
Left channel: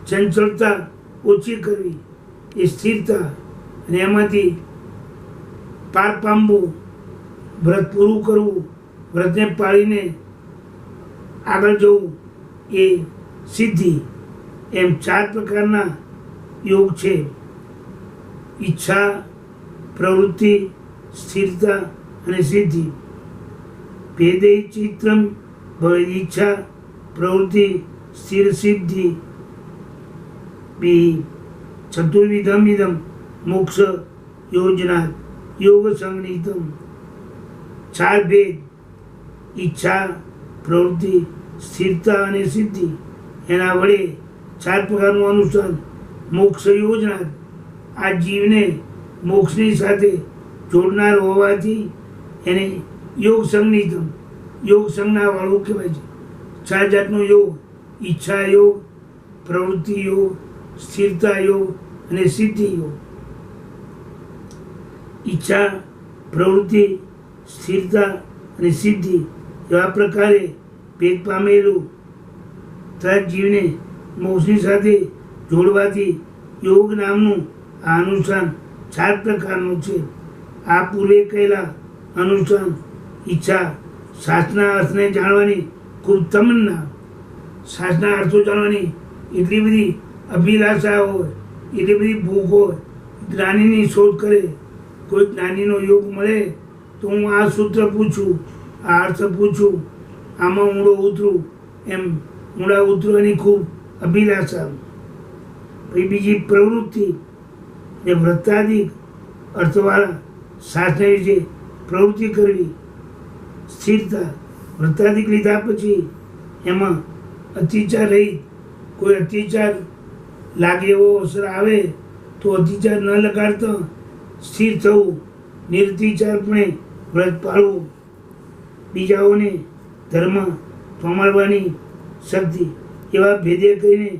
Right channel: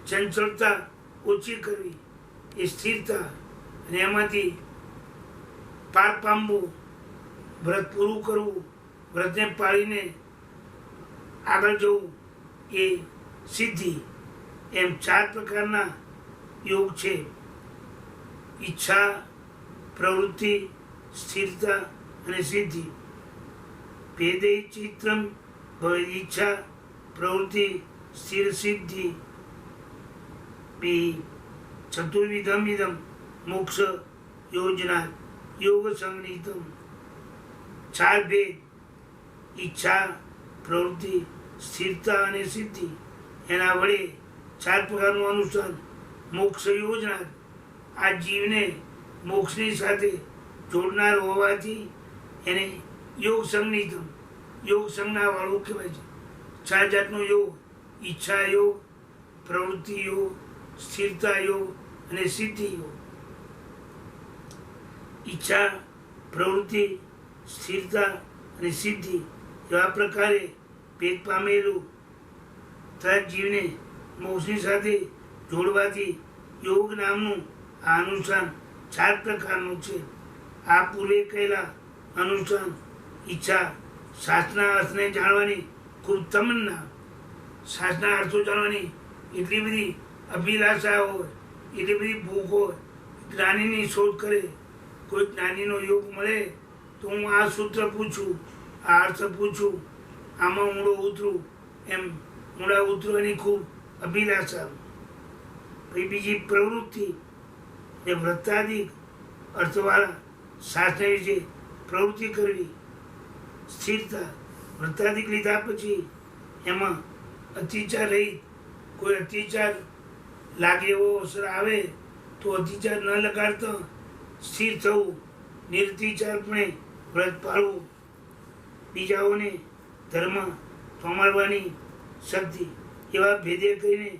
ચંચળતા ઓછી કરવી એ સ્થિરતા, અને એમાંથી પાર પામવું, વ્રત પૂરું કરવું, વ્રતને પાળીને આગળ જવું એ સિદ્ધિ. એમ 4 પ્રકારના યોગ છે: ઈચ્છા, પ્રવૃત્તિ, સ્થિરતા અને સિદ્ધિ. ભેદે ચિત્રમ ભવેદ ઈચ્છા પ્રવૃત્તિ સ્થિર સિદ્ધિ બી ચતુર્વિધમ ઇદમ મોક્ષ યોજના યોગ સંગીતમ. 4 ભેદ: ઈચ્છા, પ્રવૃત્તિ, સ્થિરતા અને સિદ્ધિ. એના વડે 4 પ્રકારનું અનુષ્ઠાન મોક્ષ યોજના. આ જીવને મોક્ષની સાથે જોડનાર હોવાથી એને યોગ સંગીતમ યોગ સંજ્ઞાવાળું કહેવાય છે. 4 જાતનો યોગ: ઈચ્છા યોગ, પ્રવૃત્તિ યોગ, સ્થિરતા યોગ અને સિદ્ધિ યોગ. ઈચ્છા, પ્રવૃત્તિ, સ્થિરતા અને સિદ્ધિ એવા પ્રકારે ભેદ પામેલું તથા જીવને મોક્ષની સાથે જોડવાથી યોગ નામનું આ અનુષ્ઠાન 4 પ્રકારનું છે. આ પૂર્વે કહેલા અનુષ્ઠાન ઈચ્છા, શાસ્ત્રના અર્થને જાણવાની ખૂબ તમન્ના, શાસ્ત્રના અર્થો જાણવાની એટલી બધી અભિલાષા હોય, એટલી બધી ભૂખ હોય, જ્ઞાનીની શોધ કરે. કોઈ જ્ઞાનીનો યોગ મળે તો હું આ સૂત્ર પૂછું, આ અર્થ પૂછું, આમાં ઊંડો ઉતરું, એમ ઊંડા ઉતરવાની ખૂબ અભિલાષા. પછી બીજી પ્રવૃત્તિ, એ વૃત્તાદિક અર્થવાળા શાસ્ત્ર વિશે પ્રવૃત્તિ કરવી. સ્થિરતા, વૃત્તાદિક લીધા પછી એમાં અતિચાર રહી, કોઈ અતિચાર લાગે એવો અવસર આવે તો અતિચાર ન લગાડતા સ્થિર થવું, નિરતિચારપણે વ્રત પાળવું, બીજાઓને ધર્મ સંભાળવાની શક્તિ, એવા ભેદે કરીને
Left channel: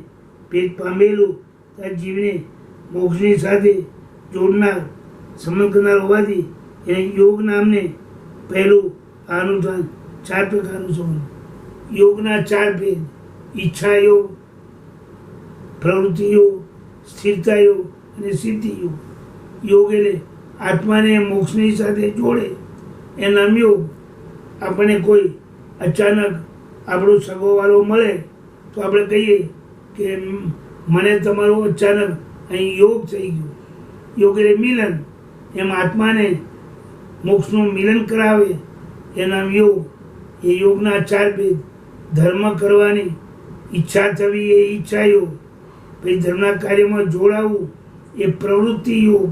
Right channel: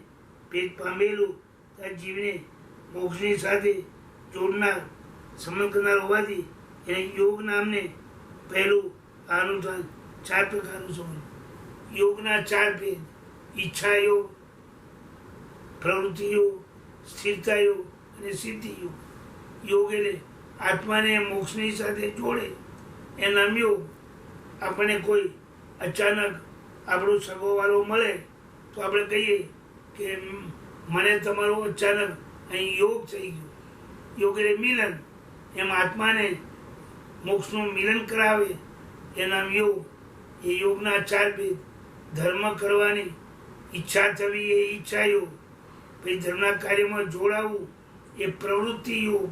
ભેદ પામેલું આ જીવને મોક્ષની સાથે જોડનાર, સંબંધ કરનાર હોવાથી એને યોગ નામને પહેલું આ અનુષ્ઠાન 4 પ્રકારનું સમજ. યોગના 4 ભેદ: ઈચ્છા યોગ, પ્રવૃત્તિ યોગ, સ્થિરતા યોગ અને સિદ્ધિ યોગ. યોગ એટલે આત્માને મોક્ષની સાથે જોડે એ નામ યોગ. આપણને કોઈ અચાનક આપણો સગોવાળો મળે તો આપણે કહીએ કે મને તમારો અચાનક અહીં યોગ થઈ ગયો. યોગ એટલે મિલન. એમ આત્માને મોક્ષનું મિલન કરાવે એ નામ યોગ. એ યોગના 4 ભેદ: ધર્મ કરવાની ઈચ્છા થવી એ ઈચ્છા યોગ, પછી ધર્મના કાર્યમાં જોડાવું એ પ્રવૃત્તિ યોગ.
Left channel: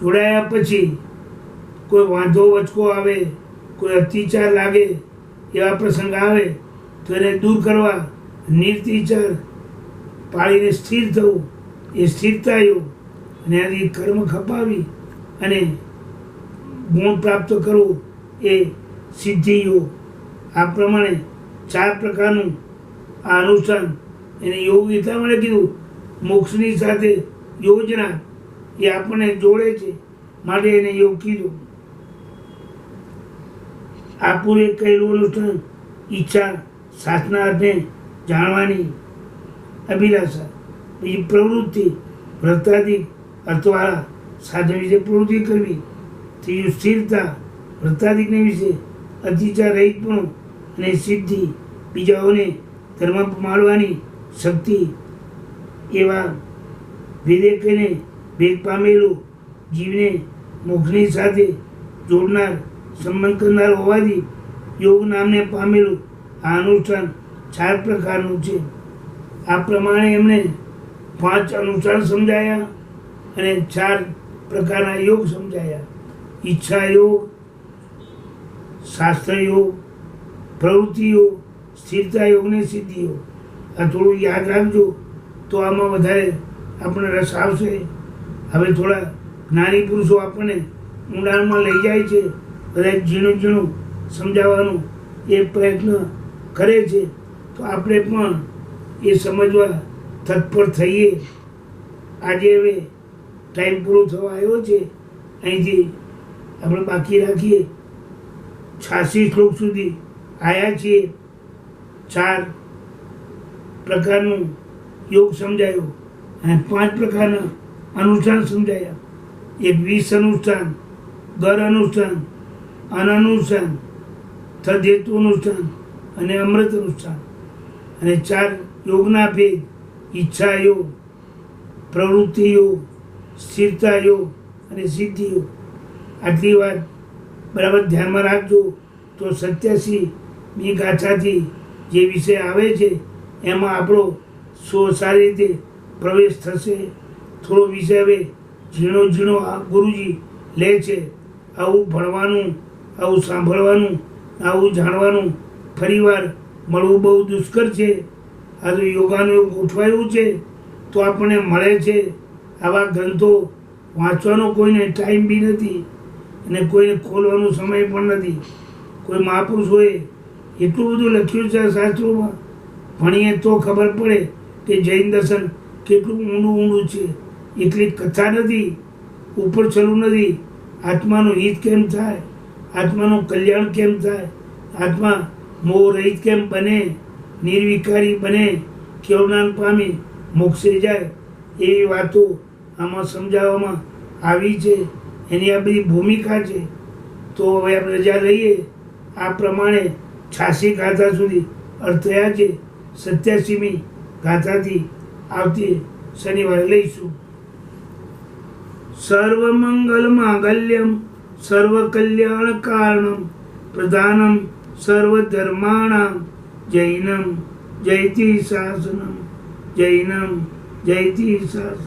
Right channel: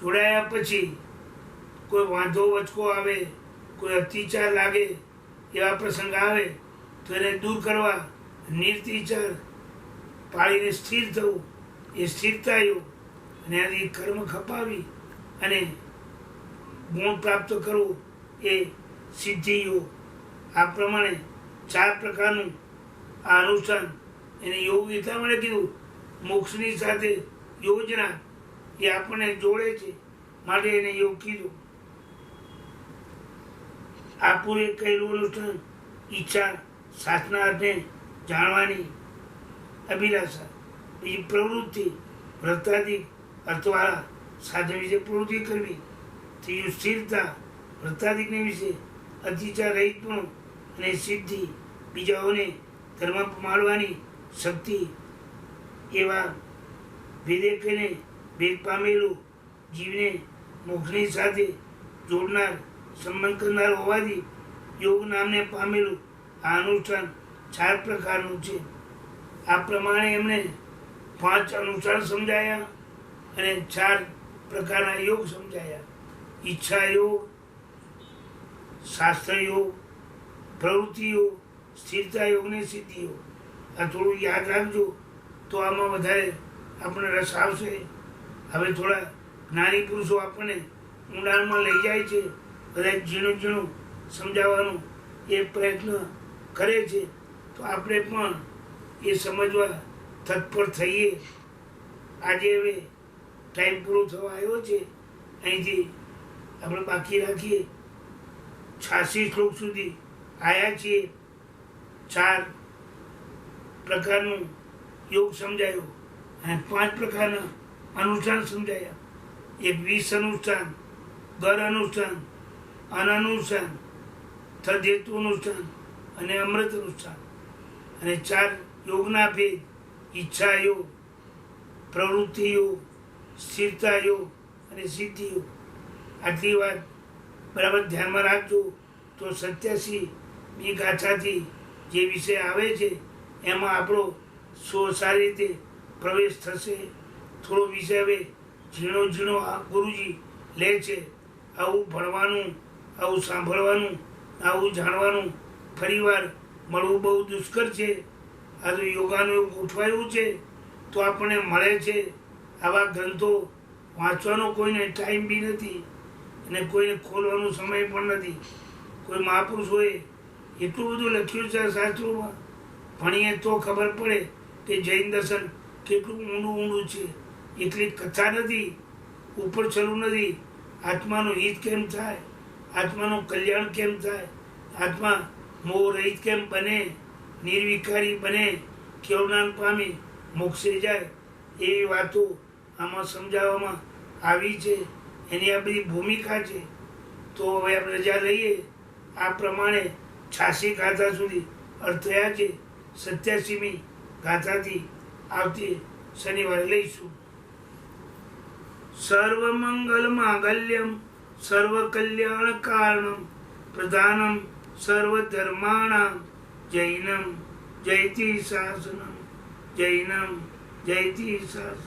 જોડાયા પછી કોઈ વાંધો વચકો આવે, કોઈ અત્યાચાર લાગે એવા પ્રસંગ આવે તો એને દૂર કરવા નિર્તિચાર પાળીને સ્થિર થવું એ સ્થિરતા યોગ. અને આથી કર્મ ખપાવી અને ગુણ પ્રાપ્ત કરવું એ સિદ્ધિ યોગ. આ પ્રમાણે 4 પ્રકારનું આ અનુષ્ઠાન એને યોગ એટલા માટે કીધું, મોક્ષની સાથે યોજના એ આપણને જોડે છે માટે એને યોગ કીધું. આ પૂરે કહેલું અનુષ્ઠાન ઈચ્છા, શાસ્ત્રના અર્થને જાણવાની અભિલાષા. બીજી પ્રવૃત્તિ, વ્રતાદિક અર્થવાળા સાધન વિશે પ્રવૃત્તિ કરવી. ત્રીજું સ્થિરતા, વ્રતાદિકને વિશે અતિચાર રહિતપણું અને સિદ્ધિ, બીજાઓને ધર્મ માળવાની શક્તિ. એવા ભેદે કહીને ભેદ પામેલું જીવને મોક્ષની સાથે જોડનાર, સંબંધ કરનાર હોવાથી યોગ નામને પામેલું આ અનુષ્ઠાન 4 પ્રકારનું છે. આ પ્રમાણે એમણે 5 અનુષ્ઠાન સમજાયા અને 4 પ્રકારના યોગ સમજાયા: ઈચ્છા યોગ, શાસ્ત્ર યોગ, પ્રવૃત્તિ યોગ, સ્થિરતા યોગ ને સિદ્ધિ યોગ. આ થોડું યાદ રાખજો તો આમાં વધારે આપણને રસ આવશે. હવે થોડા જ્ઞાની પુરુષો આપણને ઊંડાણમાં લઈ જાય છે, બધા ઝીણું ઝીણું સમજાવવાનું એ પ્રયત્ન કરે છે, તો આપણે પણ એ સમજવા તત્પર થઈએ. આજે હવે ટાઈમ પૂરો થવા આવ્યો છે, અહીંથી આપણે બાકી રાખીએ. 86 શ્લોક સુધી આવ્યા છીએ. 4 પ્રકારનું યોગ સમજાયો અને 5 પ્રકારના અનુષ્ઠાન સમજાયા. એક 20 અનુષ્ઠાન, ગર અનુષ્ઠાન, અનનુષ્ઠાન, તદ્હેતુ અનુષ્ઠાન અને અમૃત અનુષ્ઠાન. અને 4 યોગના ભેદ: ઈચ્છા યોગ, પ્રવૃત્તિ યોગ, સ્થિરતા યોગ અને સિદ્ધિ યોગ. આટલી વાત બરાબર ધ્યાનમાં રાખજો તો 87મી ગાથાથી જે વિષય આવે છે એમાં આપણો સારી રીતે પ્રવેશ થશે. થોડો વિષય હવે ઝીણો ઝીણો આ ગુરુજી લે છે. આવું ભણવાનું, આવું સાંભળવાનું, આવું જાણવાનું ફરીવાર મળવું બહુ દુષ્કર છે. આ તો યોગાનું એવું ગોઠવાયું છે તો આપણને મળે છે. આવા ગ્રંથો વાંચવાનો કોઈને ટાઈમ બી નથી અને કોઈને ખોલવાનો સમય પણ નથી. કોઈ મહાપુરુષોએ એટલું બધું લખ્યું છે શાસ્ત્રોમાં, ભણીએ તો ખબર પડે કે જૈન દર્શન કેટલું ઊંડું છે. એટલી કથા નથી, ઉપર ચડવું નથી. આત્માનું હિત કેમ થાય, આત્માનું કલ્યાણ કેમ થાય, આત્મા મોહ રહિત કેમ બને, નિર્વિકારી બને, કેવળાન પામી મોક્ષે જાય, એવી વાતો આમાં સમજાવવામાં આવી છે. એની આ બધી ભૂમિકા છે. તો હવે આપણે રજા લઈએ. આ પ્રમાણે 86 ગાથા સુધી અર્થ થયા છે. 87મી ગાથાથી આવતી શનિવારે લઈશું. સર્વમંગલ માંગલ્યમ સર્વ કલ્યાણ કારણમ પ્રધાનમ સર્વધર્માણામ જૈનમ જયતિ શાસનમ જૈનમ જયતિ શાસનમ.